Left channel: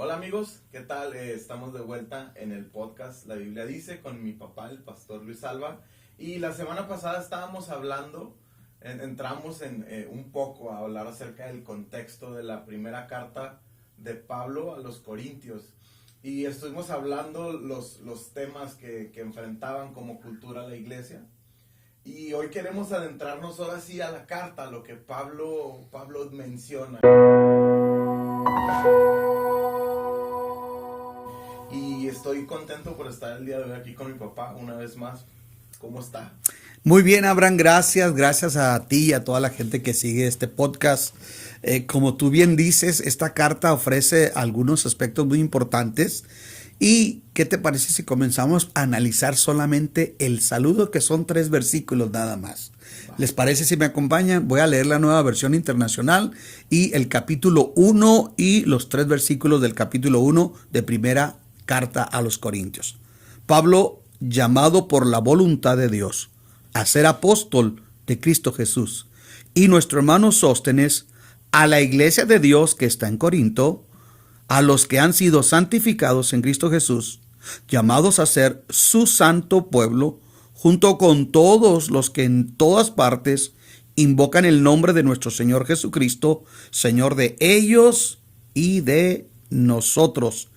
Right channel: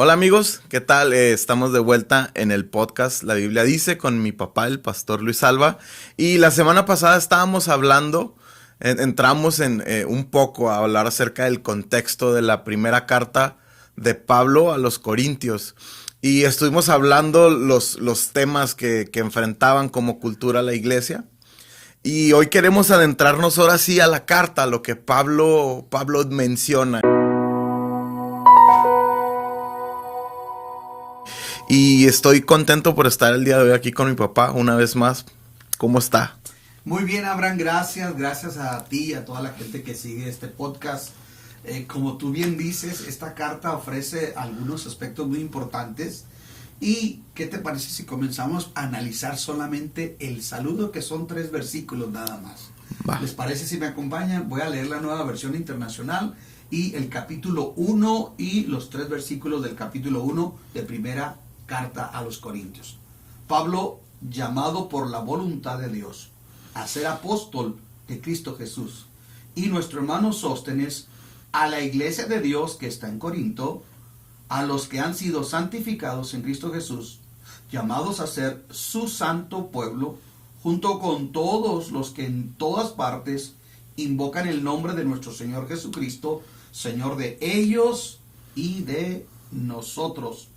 Hola amigos, ¿qué tal? Estamos de vuelta en el podcast La Biblia Dice con mi papá, el pastor Luis Alba. Y la semana pasada estábamos hablando, entramos en un poco a hablar acerca del contexto de la primera carta de Pablo a los Corintios. Y estuvimos hablando los temas que enfrentaban como cultura la iglesia. Y hoy queremos adentrarnos ahora sí a la carta, a lo que Pablo menciona. Y estoy contento por estar el día de hoy aquí con mi papá una vez más. ¿Cómo está? Muy bien, Abraham, gracias. Gracias a ti y a toda la gente que sigue este podcast. Como tú bien dices, esta carta ofrece algunos aspectos muy importantes. ¿Y qué te parece si comenzamos a analizar solamente el saludo, que son 3 versículos nada más? Va. ¿Les parece si me acompañan? Voy a leer la Nueva Versión Internacional y el capítulo 1 y los 3 versículos del capítulo 1 de primera carta a los Corintios. Pablo, llamado por la voluntad de Dios a ser apóstol de Cristo Jesús, y nuestro hermano Sóstenes, a la iglesia de Dios que está en Corinto, a los que han sido santificados en Cristo Jesús, llamados a ser su santo pueblo, junto con todos los que en todas partes invocan el nombre de nuestro Señor Jesucristo, Señor de ellos y de nosotros.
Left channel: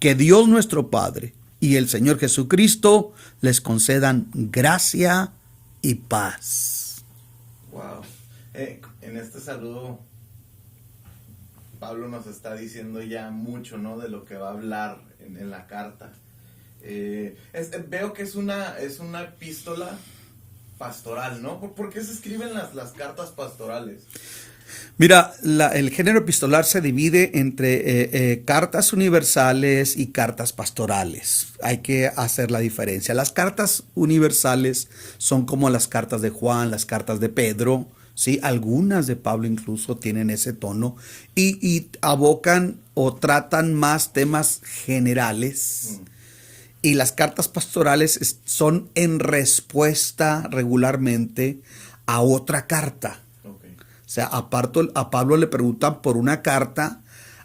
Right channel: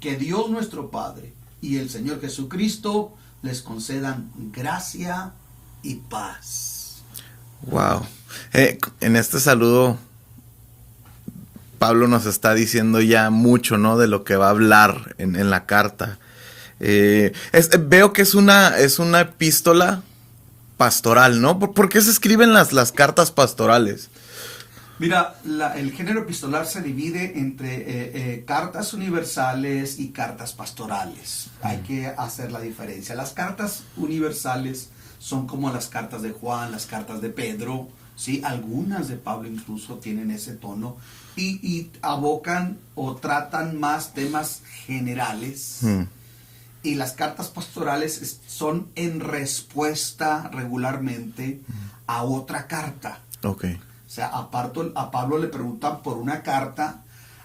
Que Dios nuestro Padre y el Señor Jesucristo les concedan gracia y paz. Wow. En este saludo, Pablo nos está diciendo ya mucho, ¿no? De lo que va a hablar en la carta. Veo que es una epístola pastoral, ¿no? ¿Por qué se escriben las cartas pastorales? Mira, el género epistolar se divide entre cartas universales y cartas pastorales. Hay que hacer la diferencia. Las cartas universales son como las cartas de Juan, las cartas de Pedro, ¿sí? Algunas de Pablo incluso tienen ese tono y abocan o tratan más temas generales. Y las cartas pastorales son en respuesta regularmente a otra carta. Okay. O sea, a Pablo le preguntan por una carta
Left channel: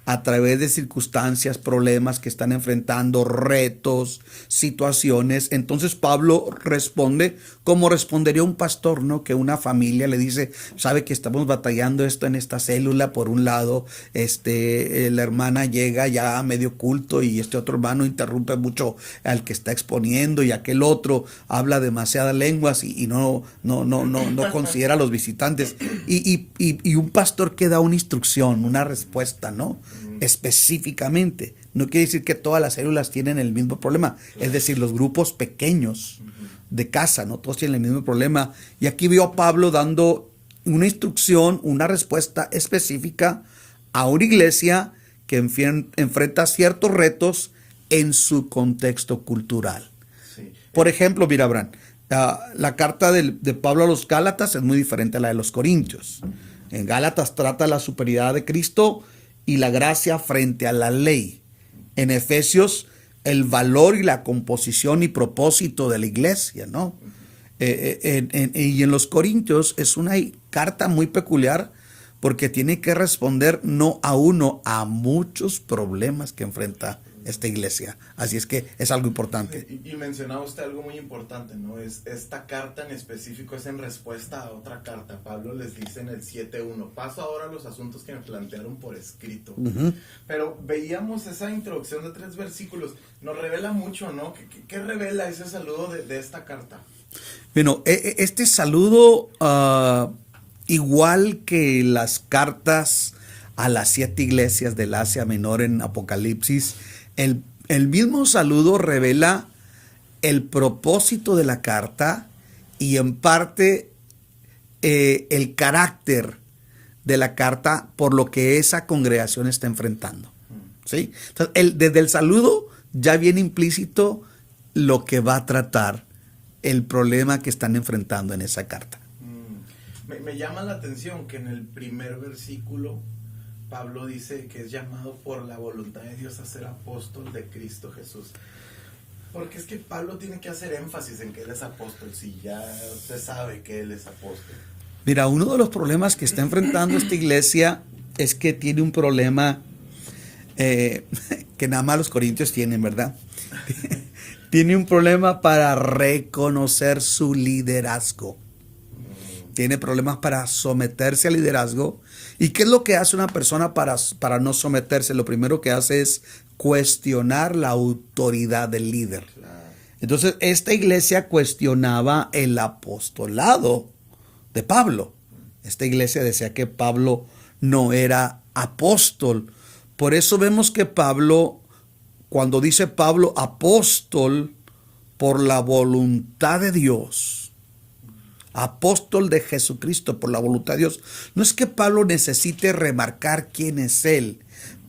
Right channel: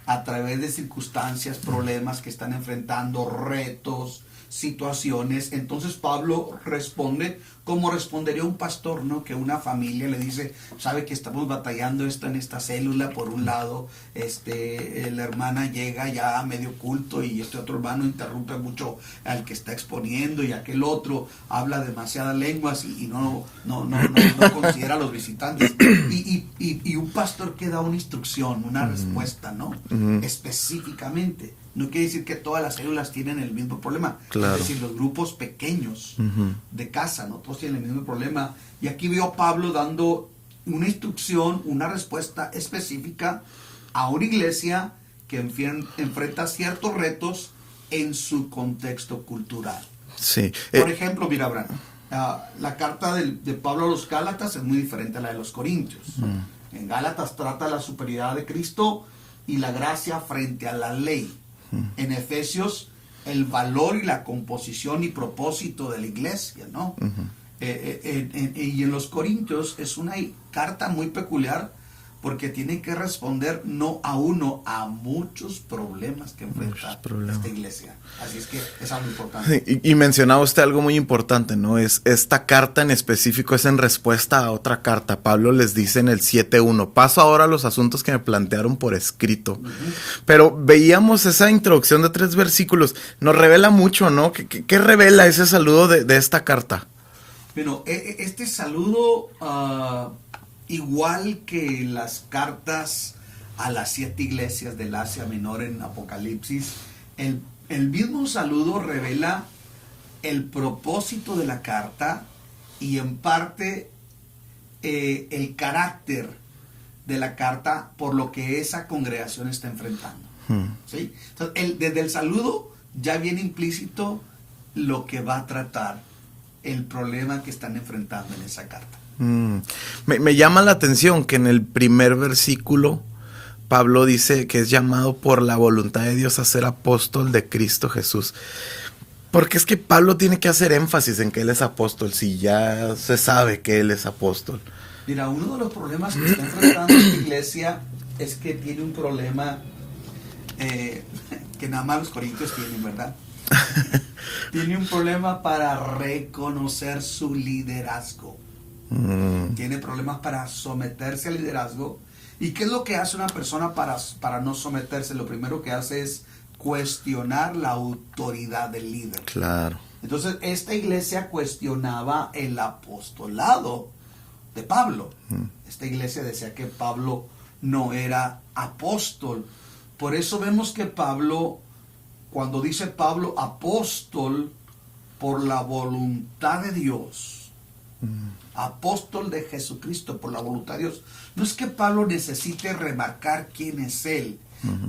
a través de circunstancias, problemas que están enfrentando, retos, situaciones. Entonces Pablo responde como respondería un pastor, ¿no? Que una familia le dice, sabe que estamos batallando esto en esta célula. Por un lado, la hermana llega ya a medio culto y este otro hermano interrumpe mucho al que está exponiendo, y aquel otro habla demasiadas lenguas y no considera a los visitantes. Y un pastor que da una instrucción, una respuesta, ¿no? Específicamente. No quiere decir que todas las células tienen el mismo problema. Claro. Es decir, los grupos pequeños de casa, ¿no? Todos tienen el mismo problema. Y aquí veo a Pablo dando una instrucción, una respuesta específica a una iglesia que enfrenta ciertos retos en su contexto cultural. Sí. Por ejemplo, mira, Abraham, la carta de Pablo a los Gálatas es muy diferente a la de los Corintios. En Gálatas trata la superioridad de Cristo y la gracia frente a la ley. En Efesios, el valor y la composición y propósito de la iglesia, ¿no? Y en los Corintios es una carta muy peculiar porque tiene que responder no a uno, a muchos problemas que enfrenta esta iglesia. Así es que es algo importante. Y mencionaba usted algo muy importante, ¿no? Esta carta en específico es en respuesta a otra carta. Pablo les dice en el 7.1, paso ahora a los asuntos que me plantearon por escrito. Pero veíamos esa introducción de 3 versículos. Nos revela mucho, ¿no? ¿Qué revela ese saludo de esta carta? Bueno, este saludo... igual que las cartas a las 7 iglesias del Asia Menor en Apocalipsis, el mismo saludo revela el propósito de la carta y en parte el carácter de la carta por lo que esa congregación está enfrentando. ¿Sí? Entonces, desde el saludo ya viene implícito lo que va a tratar el problema que están enfrentando en esa carta. Me llama la atención que en el primer versículo Pablo dice que es llamado por la voluntad de Dios a ser apóstol de Cristo Jesús. Porque es que Pablo tiene que hacer énfasis en que él es apóstol, si ya se sabe que él es apóstol. Mira, uno de los problemas que está enfrentando esta iglesia es que tiene un problema que nada más los corintios tienen, ¿verdad? Tiene un problema para reconocer su liderazgo. Tiene problemas para someterse al liderazgo. ¿Y qué es lo que hace una persona para no someterse? Lo primero que hace es cuestionar la autoridad del líder. Claro. Entonces, esta iglesia cuestionaba el apostolado de Pablo. Esta iglesia decía que Pablo no era apóstol. Por eso vemos que Pablo, cuando dice Pablo apóstol por la voluntad de Dios, apóstol de Jesucristo por la voluntad de Dios, no es que Pablo necesite remarcar quién es él.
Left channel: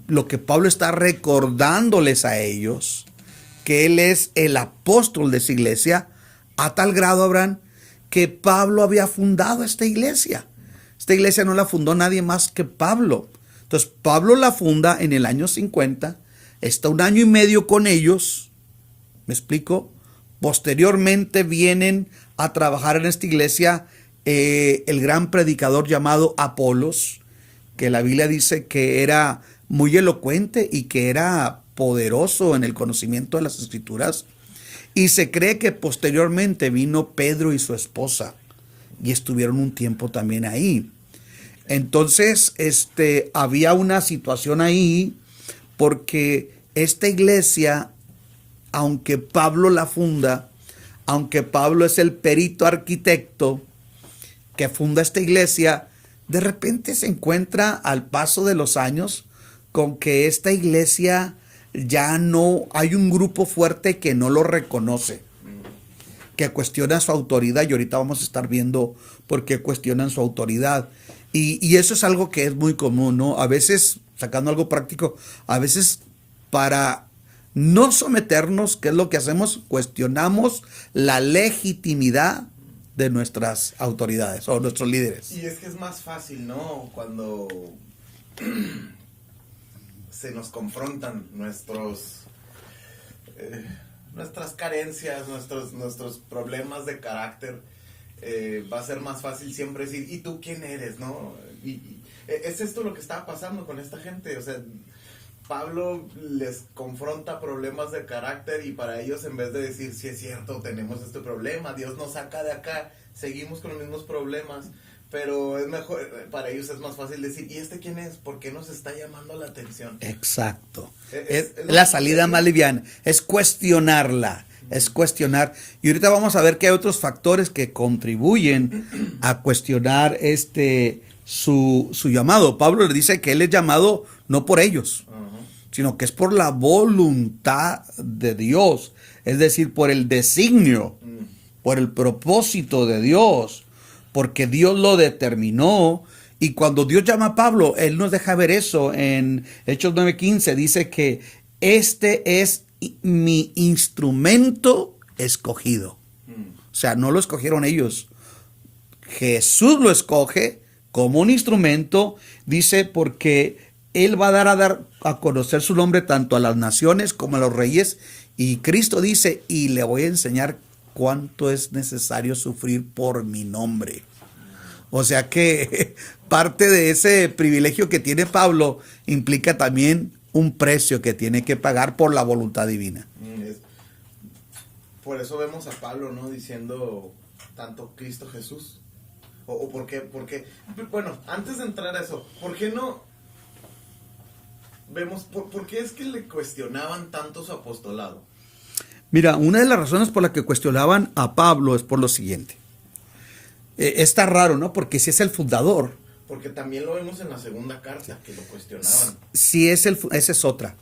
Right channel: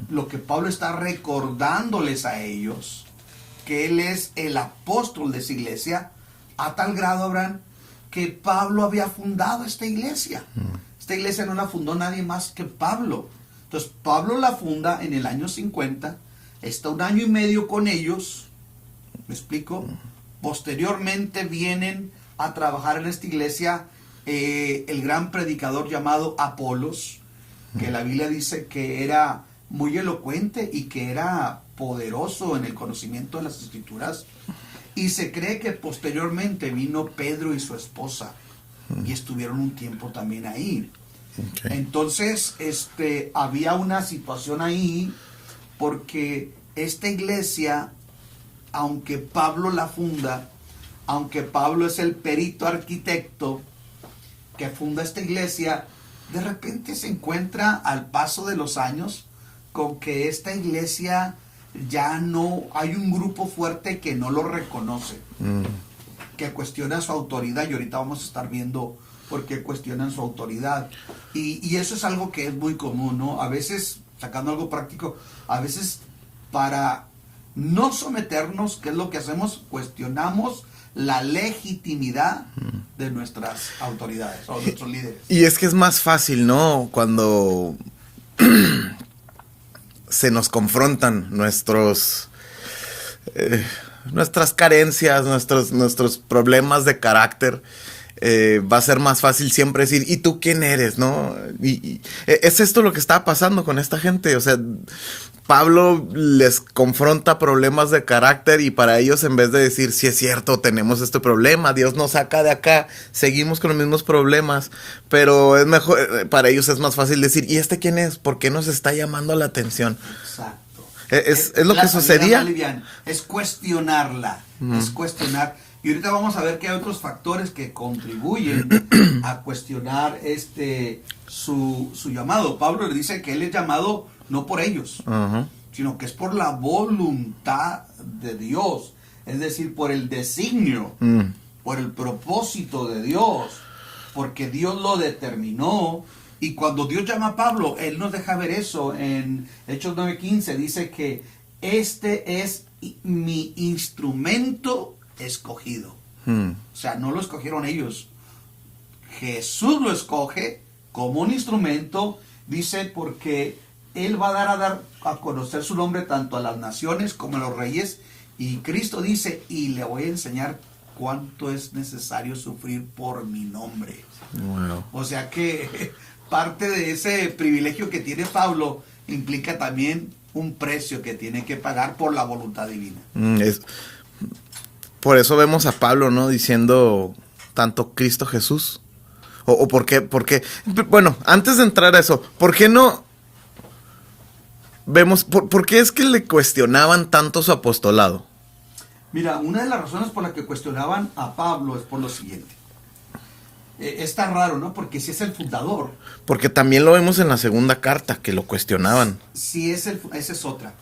Lo que Pablo está recordándoles a ellos, que él es el apóstol de esa iglesia, a tal grado, Abraham, que Pablo había fundado esta iglesia. Esta iglesia no la fundó nadie más que Pablo. Entonces Pablo la funda en el año 50, está 1 año y medio con ellos, ¿me explico? Posteriormente vienen a trabajar en esta iglesia el gran predicador llamado Apolos, que la Biblia dice que era muy elocuente y que era poderoso en el conocimiento de las escrituras. Y se cree que posteriormente vino Pedro y su esposa y estuvieron un tiempo también ahí. Okay. Entonces, había una situación ahí porque esta iglesia, aunque Pablo la funda, aunque Pablo es el perito arquitecto que funda esta iglesia, de repente se encuentra al paso de los años con que esta iglesia ya no, hay un grupo fuerte que no lo reconoce, que cuestiona su autoridad, y ahorita vamos a estar viendo por qué cuestionan su autoridad. Y eso es algo que es muy común, ¿no? A veces, sacando algo práctico, a veces para no someternos, ¿qué es lo que hacemos? Cuestionamos la legitimidad de nuestras autoridades o nuestros líderes. Y es que es más fácil, ¿no? Cuando se nos confrontan nuestras carencias, nuestros problemas de carácter, va a ser más fácil siempre decir, ¿y tú quién eres? ¿No? Y es esto lo que está pasando con esta gente. O sea, Pablo les confronta problemas de carácter y para ellos, en vez de decir, sí es cierto, tenemos este problema, Dios nos saca de acá, seguimos con los mismos problemas, pero es mejor, para ellos es más fácil decir, ¿y este quién es? ¿Por qué nos está llamando la atención? Exacto. Es lo la que salida sucedía. Más liviana, es cuestionarla, es cuestionar. Y ahorita vamos a ver que hay otros factores que contribuyen a cuestionar su llamado. Pablo le dice que él es llamado no por ellos, sino que es por la voluntad de Dios, es decir, por el designio, por el propósito de Dios, porque Dios lo determinó. Y cuando Dios llama a Pablo, él nos deja ver eso en Hechos 9:15, dice que este es mi instrumento escogido. O sea, no lo escogieron ellos. Jesús lo escoge como un instrumento, dice, porque él va a dar a conocer su nombre tanto a las naciones como a los reyes. Y Cristo dice, y le voy a enseñar cuánto es necesario sufrir por mi nombre. Wow. O sea que parte de ese privilegio que tiene Pablo implica también un precio que tiene que pagar por la voluntad divina. Por eso vemos a Pablo, ¿no? Diciendo tanto Cristo Jesús. O por qué, bueno, antes de entrar a eso, ¿por qué no vemos, por qué es que le cuestionaban tanto su apostolado? Mira, una de las razones por las que cuestionaban a Pablo es por lo siguiente. Está raro, ¿no? Porque si es el fundador. Porque también lo vemos en la segunda carta, que lo cuestionaban. Si esa es otra.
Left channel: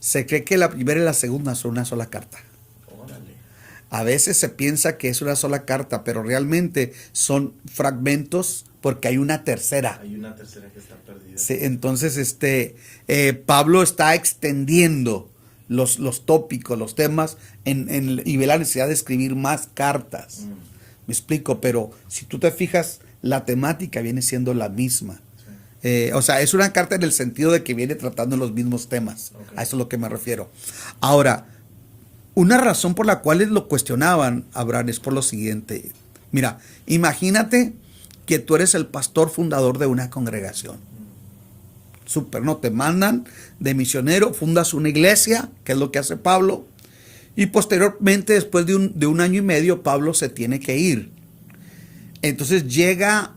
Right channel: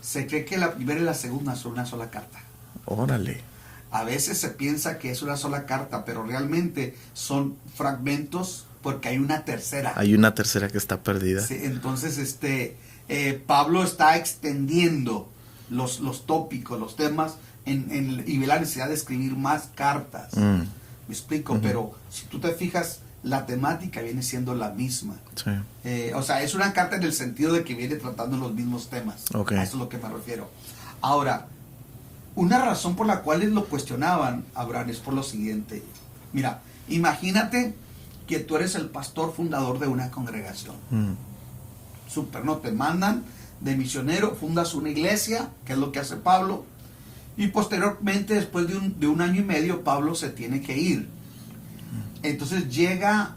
Se cree que la primera y la segunda son una sola carta. Órale. A veces se piensa que es una sola carta, pero realmente son fragmentos porque hay una tercera. Hay una tercera que está perdida. Sí, entonces, Pablo está extendiendo los tópicos, los temas, y ve la necesidad de escribir más cartas. Me explico, pero si tú te fijas, la temática viene siendo la misma. Sí. O sea, es una carta en el sentido de que viene tratando los mismos temas. Okay. A eso es lo que me refiero. Ahora, una razón por la cual lo cuestionaban, Abraham, es por lo siguiente. Mira, imagínate que tú eres el pastor fundador de una congregación. súper, ¿no? Te mandan de misionero, fundas una iglesia, que es lo que hace Pablo, y posteriormente, después de un año y medio, Pablo se tiene que ir. Entonces llega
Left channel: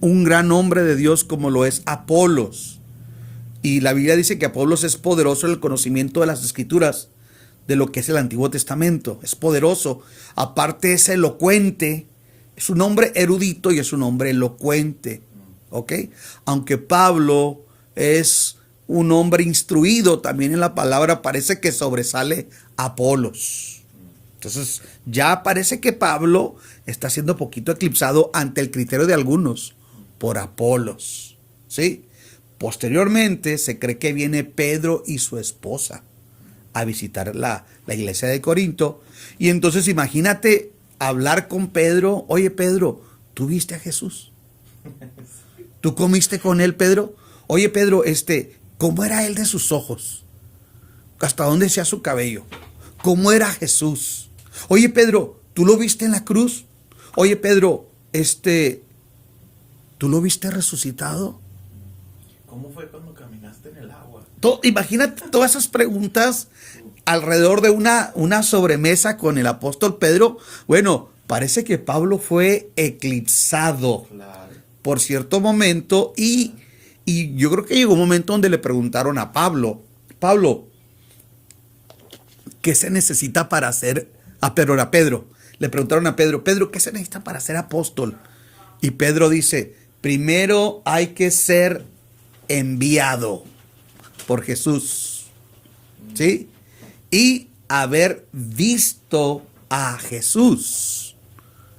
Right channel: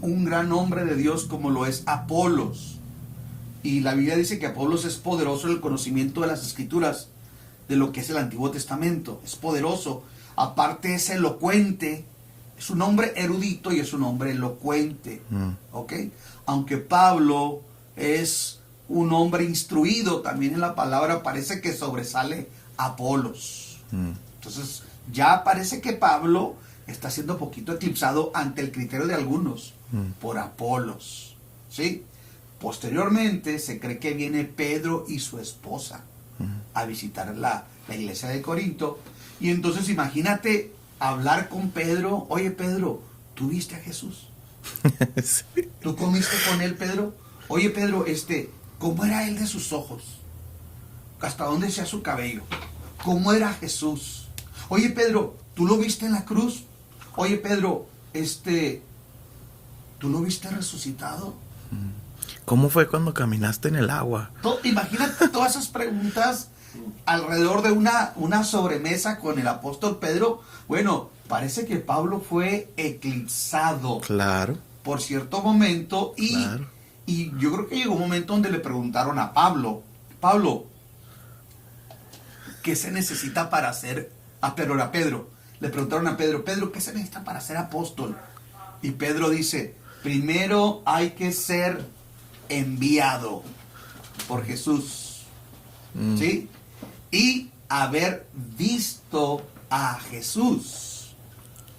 un gran hombre de Dios como lo es Apolos. Y la Biblia dice que Apolos es poderoso en el conocimiento de las Escrituras, de lo que es el Antiguo Testamento. Es poderoso. Aparte es elocuente. Es un hombre erudito y es un hombre elocuente. ¿Ok? Aunque Pablo es un hombre instruido, también en la palabra parece que sobresale Apolos. Entonces ya parece que Pablo está siendo poquito eclipsado ante el criterio de algunos por Apolos. ¿Sí? Posteriormente se cree que viene Pedro y su esposa a visitar la iglesia de Corinto. Y entonces imagínate hablar con Pedro. Oye, Pedro, ¿tú viste a Jesús? Sí. ¿Tú comiste con él, Pedro? Oye, Pedro, ¿cómo era él de sus ojos? ¿Hasta dónde sea su cabello? ¿Cómo era Jesús? Oye, Pedro, ¿tú lo viste en la cruz? Oye, Pedro, ¿tú lo viste resucitado? ¿Cómo fue cuando caminaste en el agua? Imagínate todas esas preguntas alrededor de una sobremesa con el apóstol Pedro. Bueno, parece que Pablo fue eclipsado. Claro. Por cierto momento. Claro. Y yo creo que llegó un momento donde le preguntaron a Pablo, ¿qué se necesita para ser? Era Pedro. Le preguntaron a Pedro, ¿qué se necesita para ser apóstol? Y Pedro dice, primero hay que ser enviado por Jesús. ¿Sí? Y haber visto a Jesús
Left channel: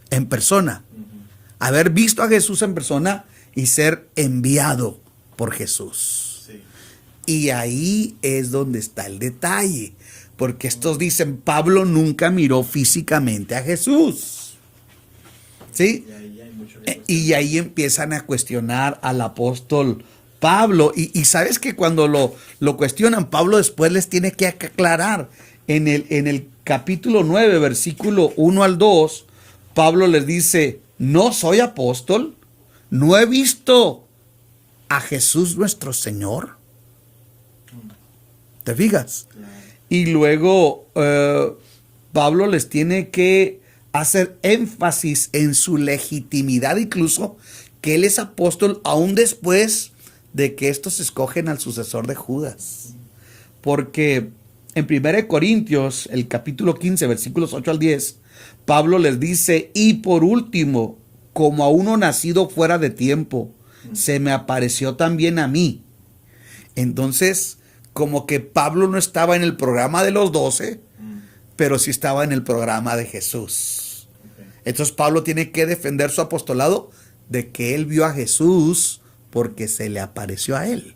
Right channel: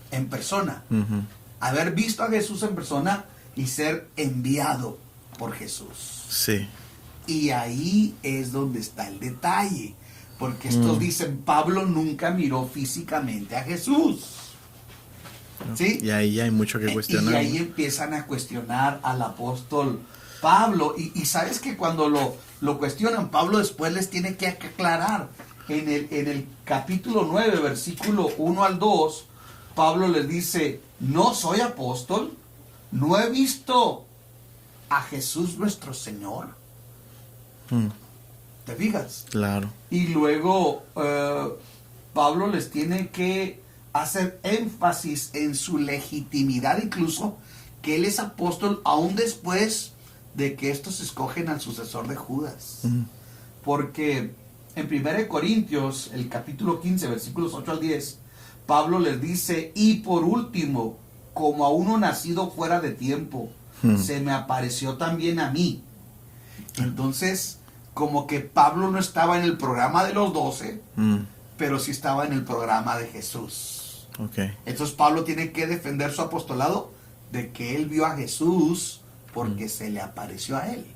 en persona. Haber visto a Jesús en persona y ser enviado por Jesús. Sí. Y ahí es donde está el detalle. Porque estos dicen, Pablo nunca miró físicamente a Jesús. ¿Sí? Y ahí hay mucho que cuestionar. Y ahí empiezan a cuestionar al apóstol Pablo. Y sabes que cuando lo cuestionan, Pablo después les tiene que aclarar. En el capítulo 9, versículo 1 al 2, Pablo les dice, no soy apóstol, no he visto a Jesús nuestro Señor. ¿Te fijas? Claro. Y luego Pablo les tiene que hacer énfasis en su legitimidad, incluso que él es apóstol aún después de que estos escogen al sucesor de Judas. Porque en 1 Corintios, el capítulo 15, versículos 8 al 10, Pablo les dice, y por último, como a uno nacido fuera de tiempo, se me apareció también a mí. Entonces, como que Pablo no estaba en el programa de los 12, pero sí estaba en el programa de Jesús. Okay. Entonces Pablo tiene que defender su apostolado de que él vio a Jesús porque se le apareció a él.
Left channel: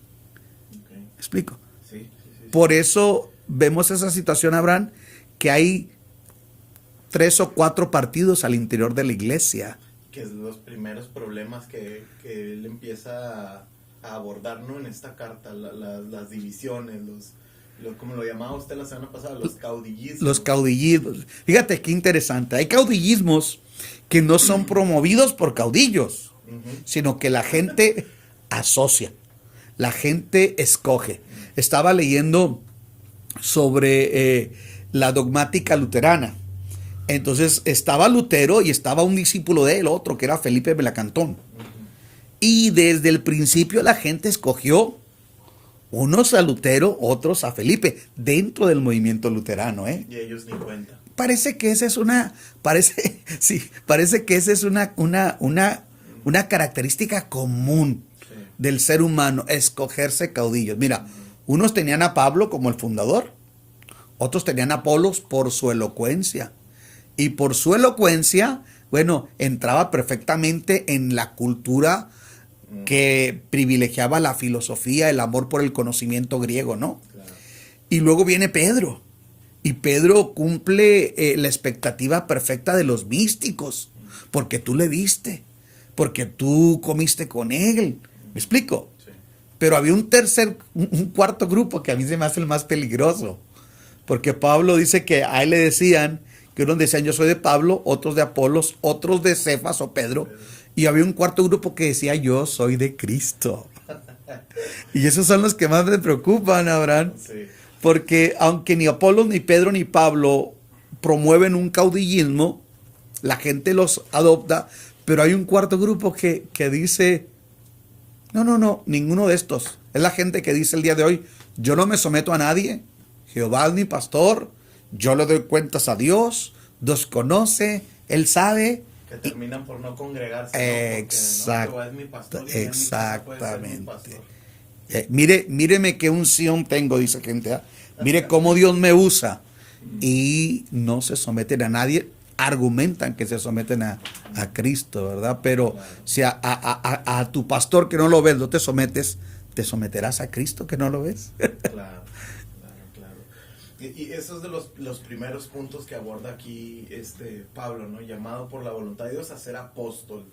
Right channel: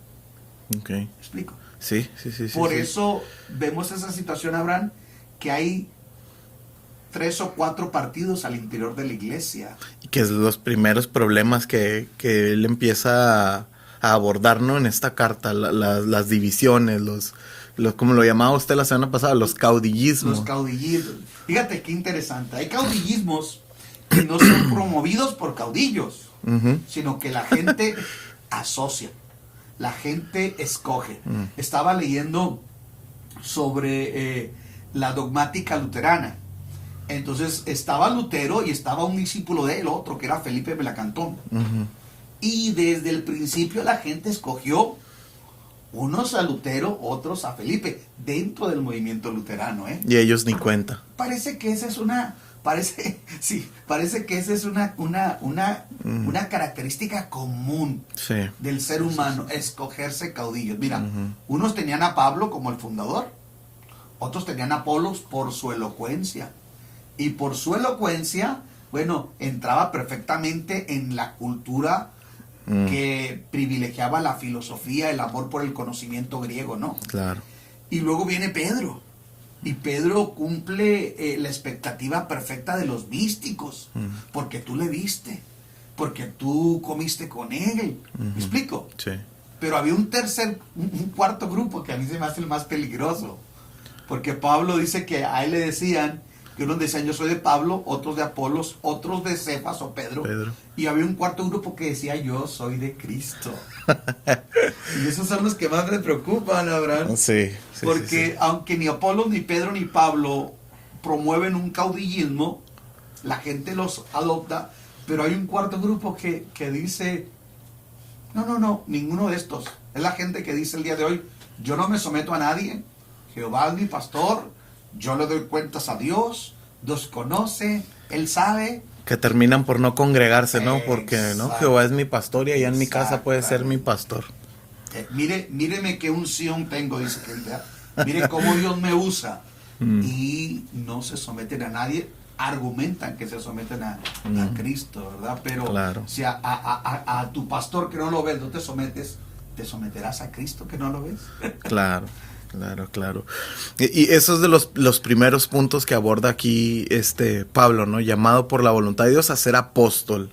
Okay. ¿Me explico? Sí. Por eso vemos esa situación, Abraham, que hay 3 o 4 partidos al interior de la iglesia. Que es los primeros problemas que él empieza a abordar, ¿no? En esta carta, las divisiones, los como lo llamaba usted la semana pasada, los caudillismos. Los caudillismos. Fíjate qué interesante. Hay caudillismos que no son promovidos por caudillos, sino que la gente asocia, la gente escoge. Estaba leyendo sobre la dogmática luterana. Entonces estaba Lutero y estaba un discípulo de él, otro que era Felipe Melacantón. Y desde el principio la gente escogió unos a Lutero, otros a Felipe, dentro del movimiento luterano, ¿eh? Y ellos ni cuenta. Parece que esa es una característica común del ser humano, escogerse caudillos. Mira, unos tenían a Pablo como el fundador, otros tenían a Apolos por su elocuencia. Y por su elocuencia, bueno, entraba perfectamente en la cultura que privilegiaba la filosofía, el amor por el conocimiento griego, ¿no? Claro. Y luego viene Pedro. Y Pedro cumple la expectativa perfecta de los místicos. Porque tú le viste. Porque tú comiste con él. ¿Me explico? Sí. Pero había un cuarto grupo que a mí se me hace el más peligroso. Porque Pablo dice que a él le decían que unos decían yo soy de Pablo, otros de Apolos, otros de Cefas o Pedro. Y había un cuarto grupo que decía yo soy de Cristo. Y esos son los que más me preocupan, Abraham. Sí. Porque aunque ni Apolos, ni Pedro, ni Pablo promueven un caudillismo, la gente los adopta, pero hay un cuarto grupo que dice, no, ninguno de estos. Es la gente que dice el día de hoy, yo no me someto a nadie, Jehová es mi pastor, yo le doy cuentas a Dios, Dios conoce, Él sabe. Que terminan por no congregarse, ¿no? Porque no, Jehová es mi pastor y allá en mi casa puede ser mi pastor. Míreme qué unción tengo, dice gente. Mire cómo Dios me usa. Y no se someten a nadie. Argumentan que se someten a Cristo, ¿verdad? Pero claro. Si a tu pastor que no lo ves, no te sometes, te someterás a Cristo que no lo ves. Claro. Y eso es de los primeros puntos que aborda aquí Pablo, ¿no? Llamado por la voluntad de Dios a ser apóstol.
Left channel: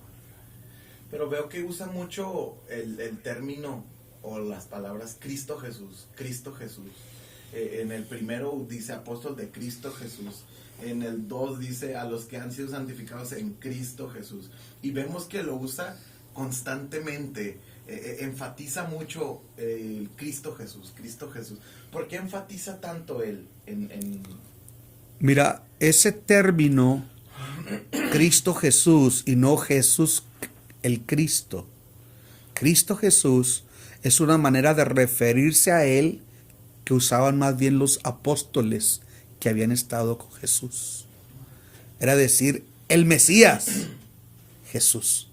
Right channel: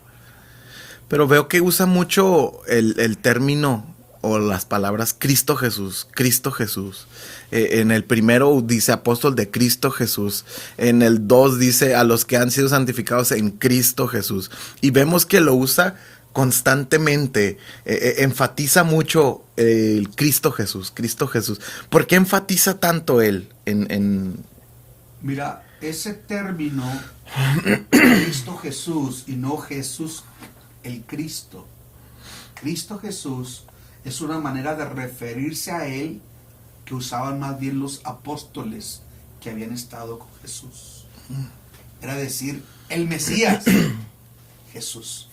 Pero veo que usa mucho el término o las palabras Cristo Jesús. En el primero dice apóstol de Cristo Jesús. En el 2 dice a los que han sido santificados en Cristo Jesús. Y vemos que lo usa constantemente. Enfatiza mucho el Cristo Jesús. ¿Por qué enfatiza tanto él? Mira, ese término Cristo Jesús y no Jesús el Cristo. Cristo Jesús es una manera de referirse a él que usaban más bien los apóstoles que habían estado con Jesús. Era decir, el Mesías, Jesús.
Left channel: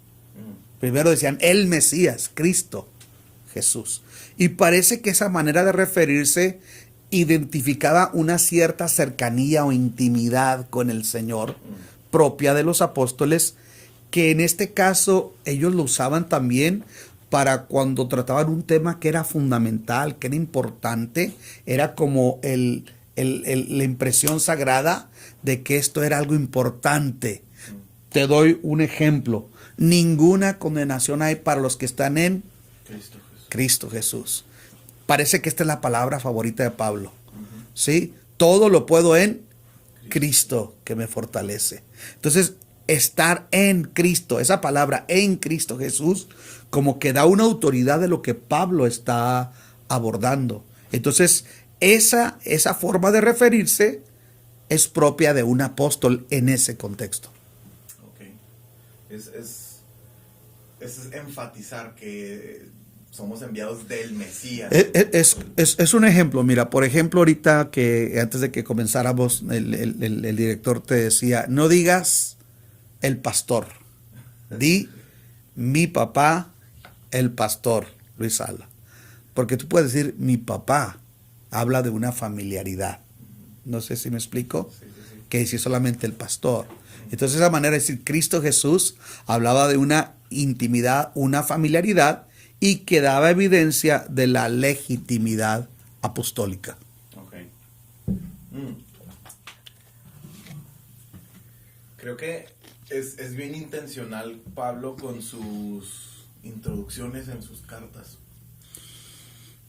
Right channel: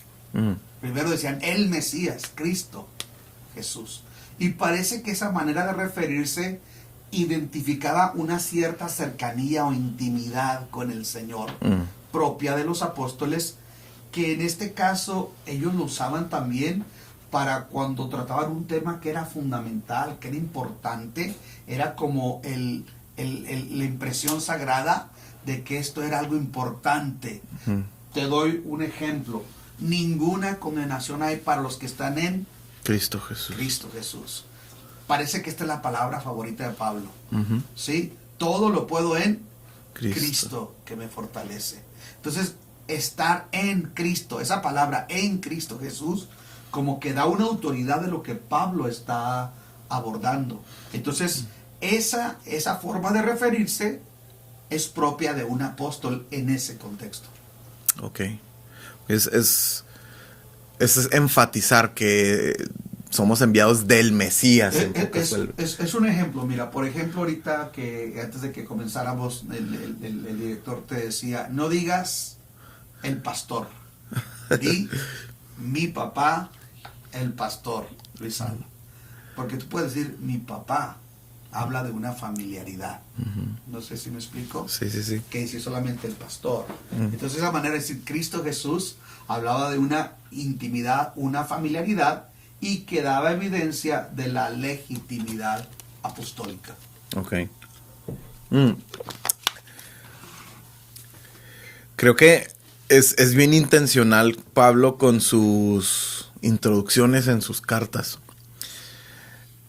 Primero decían, el Mesías, Cristo, Jesús. Y parece que esa manera de referirse identificaba una cierta cercanía o intimidad con el Señor propia de los apóstoles, que en este caso ellos lo usaban también para cuando trataban un tema que era fundamental, que era importante, era como la impresión sagrada de que esto era algo importante. Te doy un ejemplo. Ninguna condenación hay para los que están en Cristo Jesús. Cristo Jesús. Parece que esta es la palabra favorita de Pablo. ¿Sí? Todo lo puedo en Cristo que me fortalece. Entonces, estar en Cristo, esa palabra en Cristo Jesús, como que da una autoridad de lo que Pablo está abordando. Entonces, esa forma de referirse es propia de un apóstol en ese contexto. Ok. Es enfatizar que somos enviados del Mesías. Es un ejemplo. Mira, por ejemplo, ahorita que antes de que comenzáramos, el director te decía, no digas el pastor, di mi papá, el pastor, Luis Alba. Porque tú puedes decir mi papá, habla de una familiaridad. No sé si me explico. Sí. Que decir solamente el pastor. Entonces esa manera de decir Cristo Jesús hablaba de una intimidad, una familiaridad, y que daba evidencia de la legitimidad apostólica. Ok. Creo que es bien intencional Pablo con sus introducciones en sus cartas.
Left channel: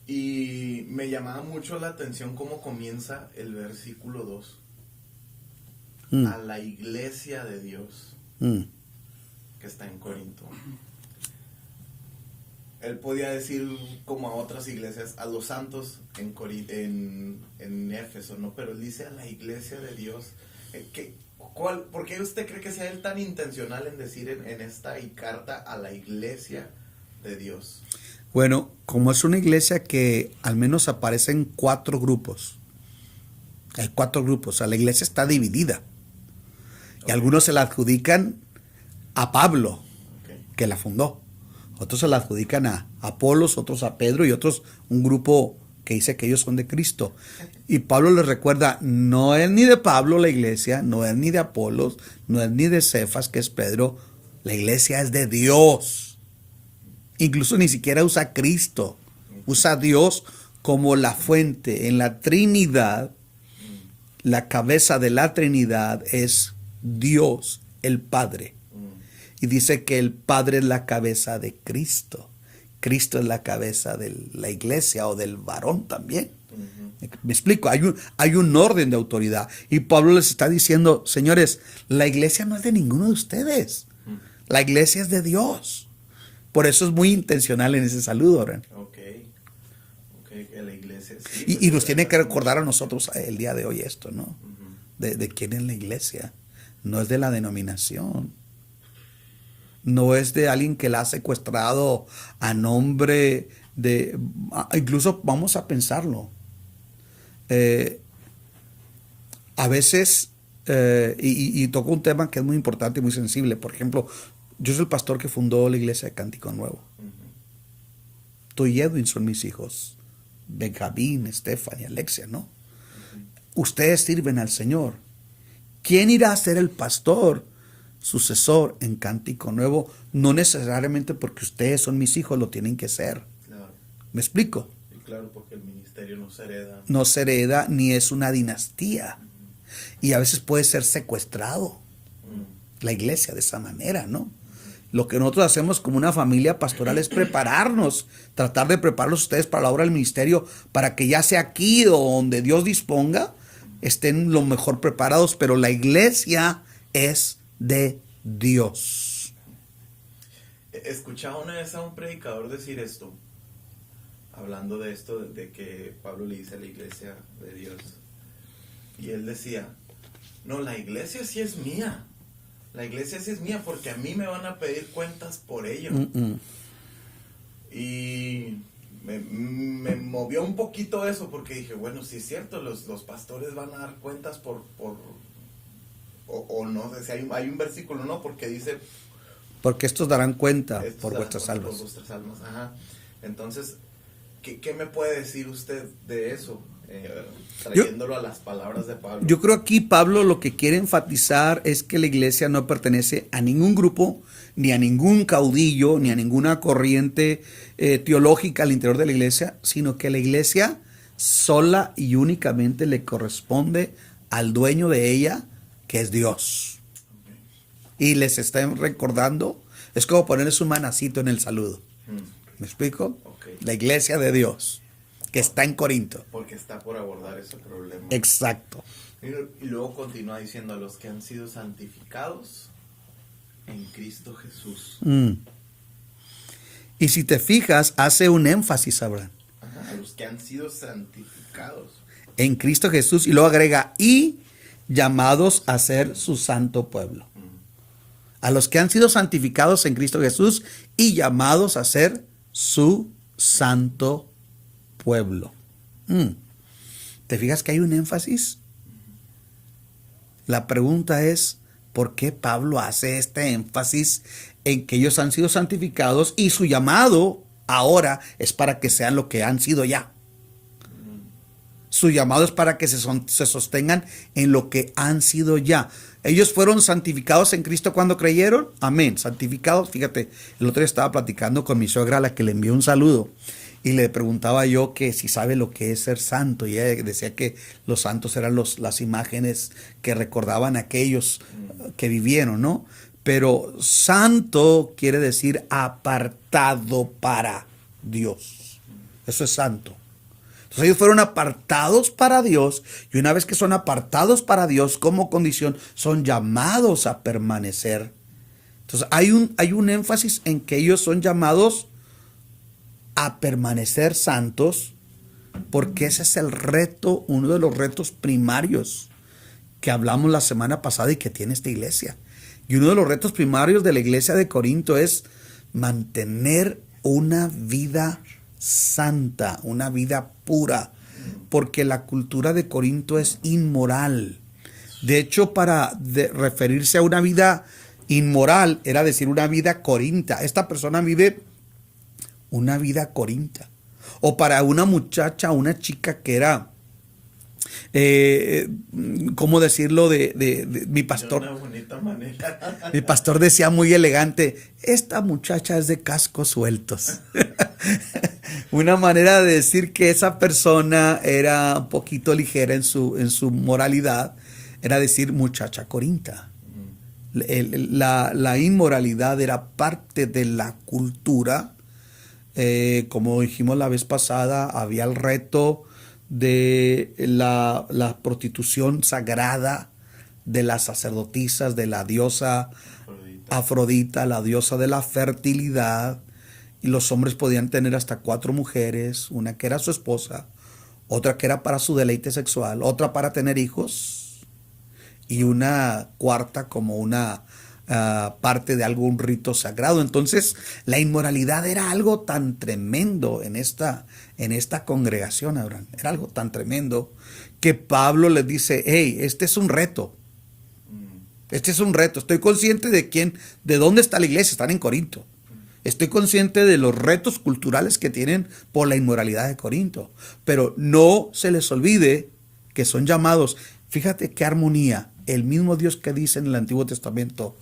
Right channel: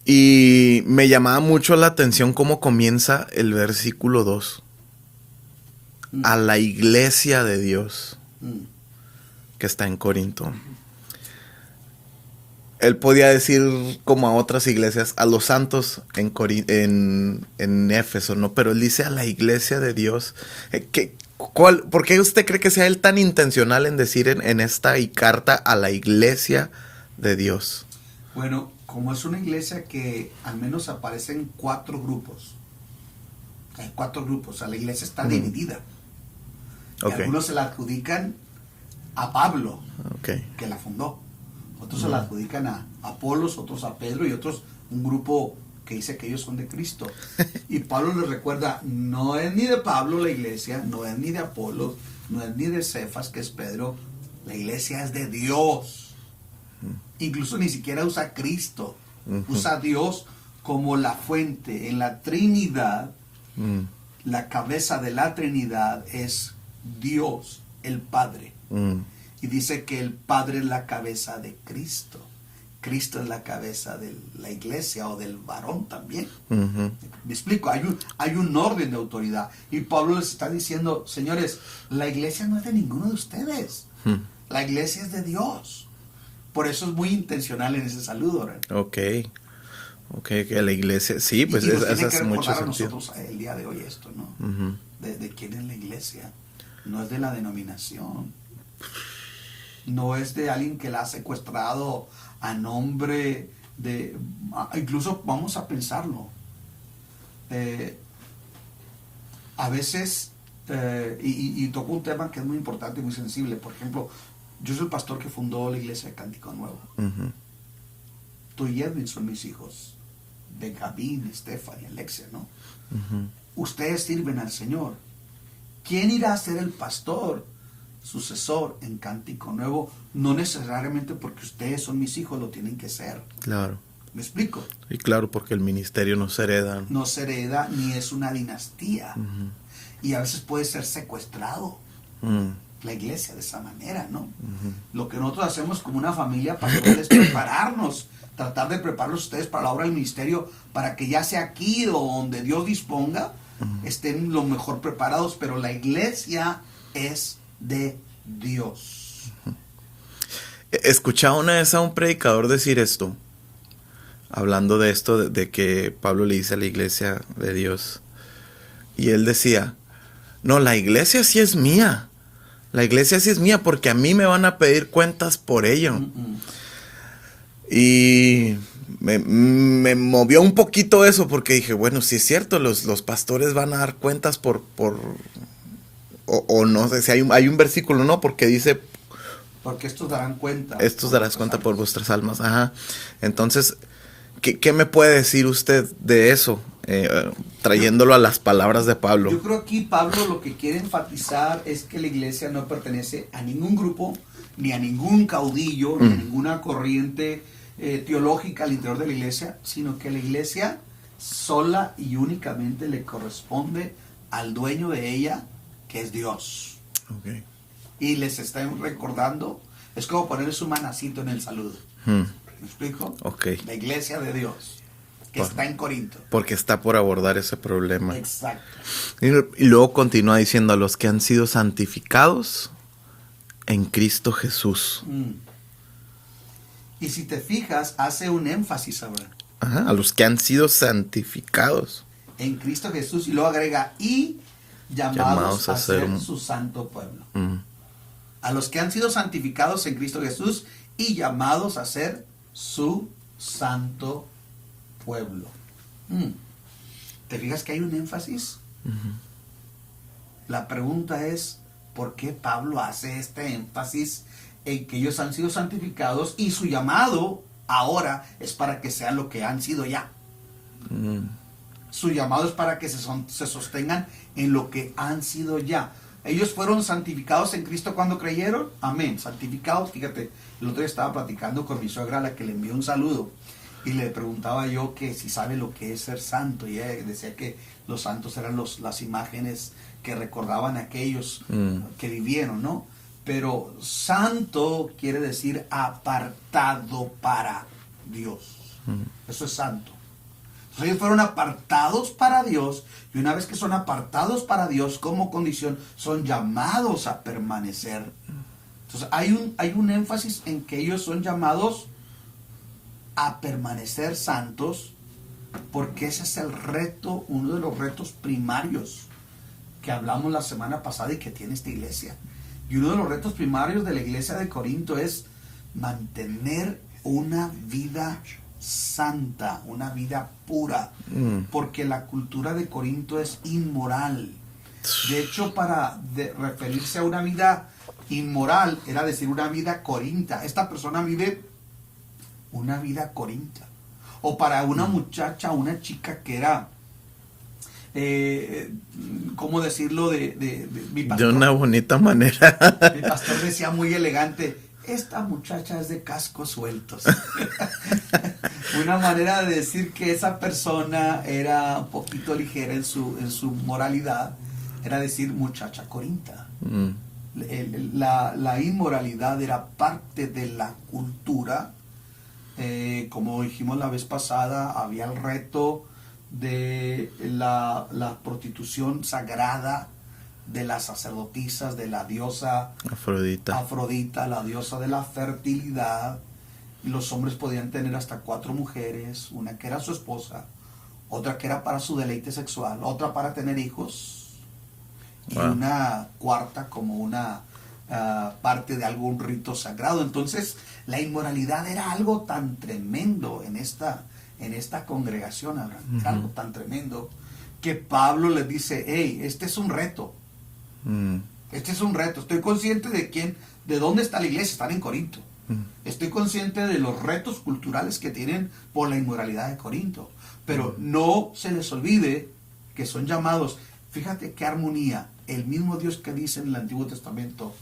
Y me llamaba mucho la atención cómo comienza el versículo 2. A la iglesia de Dios que está en Corinto. Él podía decir como a otras iglesias, a los santos en Éfeso, ¿no? Pero él dice a la iglesia de Dios. ¿Por qué usted cree que sea él tan intencional en decir en esta carta a la iglesia de Dios? Bueno, como es una iglesia que al menos aparecen 4 grupos. Hay 4 grupos, o sea, la iglesia está dividida. Y algunos se la adjudican a Pablo, que la fundó. Otros se la adjudican a Apolos, otros a Pedro y otros un grupo que dice que ellos son de Cristo. Y Pablo les recuerda, no es ni de Pablo la iglesia, no es ni de Apolos, no es ni de Cefas, que es Pedro. La iglesia es de Dios. Incluso ni siquiera usa Cristo. Usa a Dios como la fuente. En la Trinidad, la cabeza de la Trinidad es Dios, el Padre. Y dice que el Padre es la cabeza de Cristo. Cristo es la cabeza de la iglesia o del varón también. Ujú. Me explico, hay un orden de autoridad. Y Pablo les está diciendo, señores, la iglesia no es de ninguno de ustedes. La iglesia es de Dios. Por eso es muy intencional en ese saludo, Ren. Ok, que la iglesia, sí, pues Y nos tiene eso que hace recordar a mucho sentido. nosotros el día de hoy esto, ¿no? Ujú. De quién es la iglesia. No es de la denominación. No es de alguien que la ha secuestrado a nombre de... Incluso vamos a pensarlo. A veces, y toco un tema que es muy importante y muy sensible. Por ejemplo, yo soy el pastor que fundó la iglesia de Cántico Nuevo. Ujú. Tú y Edwin son mis hijos. Benjamín, Stephanie, Alexia, ¿no? Ustedes sirven al Señor. ¿Quién irá a ser el pastor sucesor en Cántico Nuevo? No necesariamente porque ustedes son mis hijos lo tienen que ser. Claro. ¿Me explico? Y claro, porque el ministerio no se hereda. No se hereda ni es una dinastía. Y a veces puede ser secuestrado la iglesia de esa manera, ¿no? Lo que nosotros hacemos como una familia pastoral es prepararnos, tratar de prepararlos ustedes para la obra del ministerio, para que ya sea aquí o donde Dios disponga, estén lo mejor preparados, pero la iglesia es de Dios. Escuchaba una vez a un predicador decir esto, hablando de esto, de que Pablo le dice a la iglesia de Dios, y él decía, no, la iglesia sí es mía. La iglesia sí es mía porque a mí me van a pedir cuentas por ello. Y me movió un poquito eso porque dije, bueno, sí es cierto, los pastores van a dar cuentas o no sé si hay un versículo, ¿no? Porque dice... Porque estos darán cuenta. Estos darán cuenta por vuestras almas. Ajá. Entonces, ¿qué me puede decir usted de eso? Trayéndolo a las palabras de Pablo. Yo creo aquí Pablo lo que quiere enfatizar es que la iglesia no pertenece a ningún grupo, ni a ningún caudillo, ni a ninguna corriente teológica al interior de la iglesia, sino que la iglesia sola y únicamente le corresponde al dueño de ella, que es Dios. Okay. Y les está recordando, es como ponerle su manacito en el saludo. ¿Me explico? Okay. La iglesia de Dios, que está en Corinto. Porque está por abordar ese problema. Exacto. Y luego continúa diciendo a los que han sido santificados en Cristo Jesús. Y si te fijas, hace un énfasis, Abraham. Ajá, a los que han sido santificados. En Cristo Jesús, y luego agrega, y llamados a ser su santo pueblo. A los que han sido santificados en Cristo Jesús y llamados a ser su santo pueblo. ¿Te fijas que hay un énfasis? La pregunta es, ¿por qué Pablo hace este énfasis en que ellos han sido santificados y su llamado ahora es para que sean lo que han sido ya? Su llamado es para que se sostengan en lo que han sido ya. Ellos fueron santificados en Cristo cuando creyeron. Amén. Santificados. Fíjate, el otro día estaba platicando con mi suegra, a la que le envié un saludo. Y le preguntaba yo que si sabe lo que es ser santo. Y ella decía que los santos eran las imágenes que recordaban a aquellos que vivieron, ¿no? Pero santo quiere decir apartado para Dios. Eso es santo. Entonces ellos fueron apartados para Dios, y una vez que son apartados para Dios como condición, son llamados a permanecer. Entonces hay un énfasis en que ellos son llamados a permanecer santos, porque ese es el reto, uno de los retos primarios que hablamos la semana pasada y que tiene esta iglesia. Y uno de los retos primarios de la iglesia de Corinto es mantener una vida santa, una vida pura, porque la cultura de Corinto es inmoral. De hecho, para referirse a una vida inmoral era decir una vida corinta. Esta persona vive una vida corinta. O para una muchacha, una chica que era, ¿cómo decirlo? De mi pastor. De una bonita manera. Mi pastor decía muy elegante, esta muchacha es de cascos sueltos. Una manera de decir que esa persona era un poquito ligera en su moralidad, era decir muchacha corinta. La inmoralidad era parte de la cultura Como dijimos la vez pasada, había el reto de la prostitución sagrada de las sacerdotisas, de la diosa Afrodita, la diosa de la fertilidad. Y los hombres podían tener hasta 4 mujeres, una que era su esposa, otra que era para su deleite sexual, otra para tener hijos, y una cuarta como una parte de algún rito sagrado. Entonces, la inmoralidad era algo tan tremendo en esta congregación, Abraham. Era algo tan tremendo que Pablo les dice, hey, este es un reto. Este es un reto. Estoy consciente de dónde está la iglesia. Están en Corinto. Estoy consciente de los retos culturales que tienen por la inmoralidad de Corinto. Pero no se les olvide que son llamados. Fíjate qué armonía. El mismo Dios que dice en el Antiguo Testamento,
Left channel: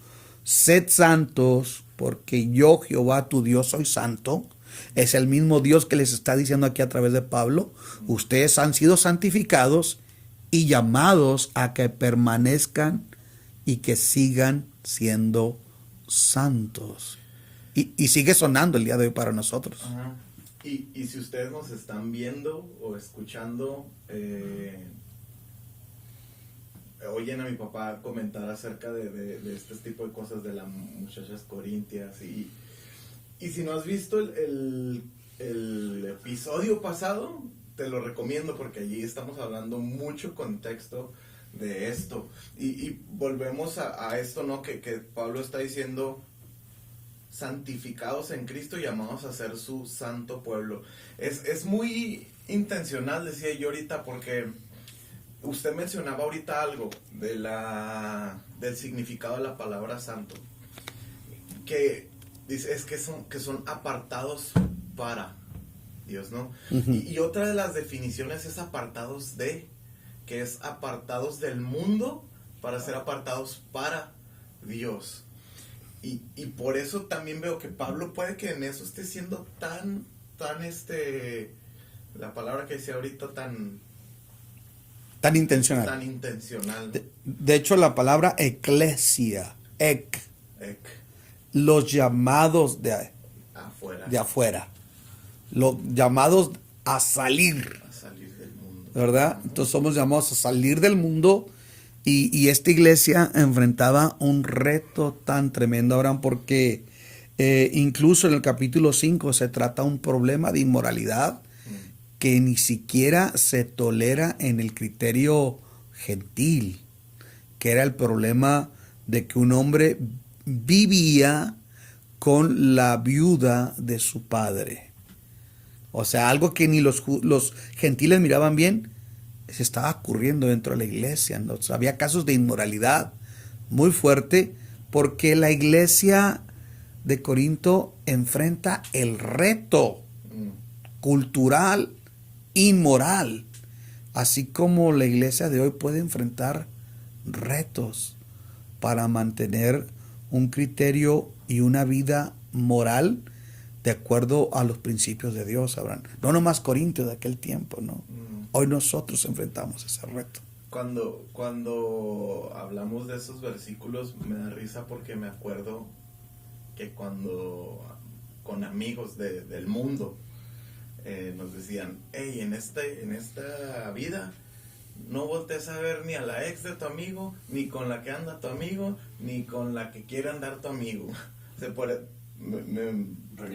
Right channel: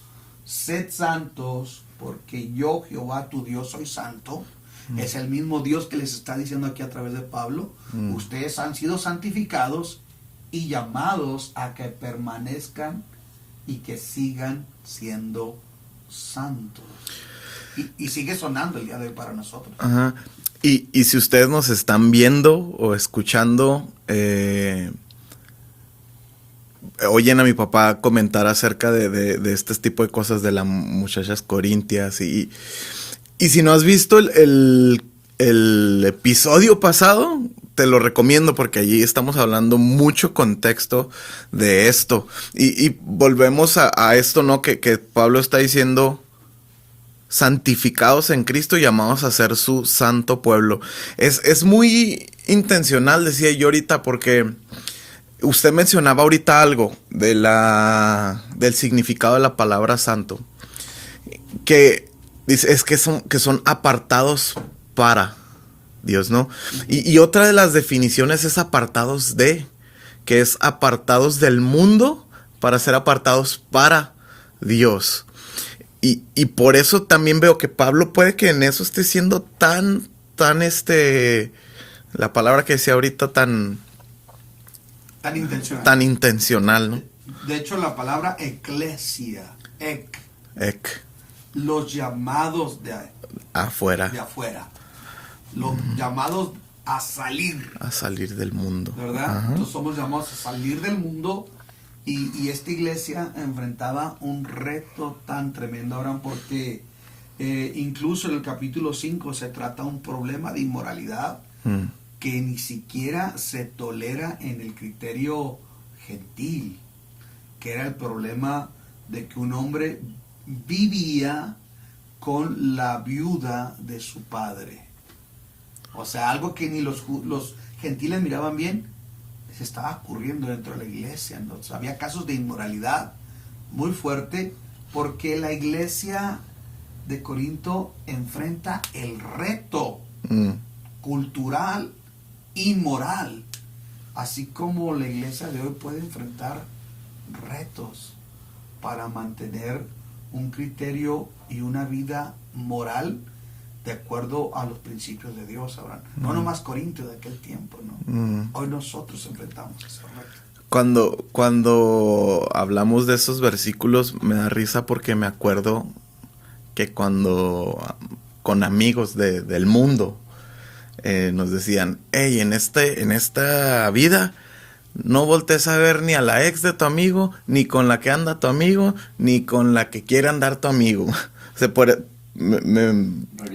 sed santos, porque yo, Jehová, tu Dios, soy santo. Es el mismo Dios que les está diciendo aquí a través de Pablo. Ustedes han sido santificados y llamados a que permanezcan y que sigan siendo santos. Y sigue sonando el día de hoy para nosotros. Ajá. Y si ustedes nos están viendo o escuchando, oyen a mi papá comentar acerca de este tipo de cosas de las muchachas corintias. Y si no has visto el episodio pasado, te lo recomiendo porque allí estamos hablando mucho contexto de esto. Y volvemos a esto, ¿no? Que Pablo está diciendo, santificados en Cristo, llamados a ser su santo pueblo. Es muy intencional, decía yo ahorita, porque usted mencionaba ahorita algo del significado de la palabra santo. Que dice, es que son apartados para Dios, ¿no? Y otra de las definiciones es apartados de, que es apartados del mundo para ser apartados para Dios. Y por eso también veo que Pablo puede que en eso esté siendo tan la palabra que decía ahorita, tan intencional. Tan intencional, ¿no? De hecho, la palabra eclesia, los llamados de afuera. Los llamados a salir. A salir del mundo. ¿Verdad? Ajá. Entonces somos llamados a salir del mundo. Y esta iglesia enfrentaba un reto tan tremendo, Abraham, porque incluso en el capítulo 5 se trata un problema de inmoralidad que ni siquiera se tolera en el criterio gentil, que era el problema de que un hombre vivía con la viuda de su padre. O sea, algo que ni los gentiles miraban bien, se estaba ocurriendo dentro de la iglesia, ¿no? O sea, había casos de inmoralidad muy fuerte porque la iglesia de Corinto enfrenta el reto cultural y moral, así como la iglesia de hoy puede enfrentar retos para mantener un criterio y una vida moral de acuerdo a los principios de Dios, Abraham. No nomás Corinto de aquel tiempo, ¿no? Hoy nosotros enfrentamos ese reto. Cuando hablamos de esos versículos me da risa porque me acuerdo que cuando con amigos del mundo nos decían, hey, en esta vida no voltees a ver ni a la ex de tu amigo, ni con la que anda tu amigo, ni con la que quiere andar tu amigo. O sea,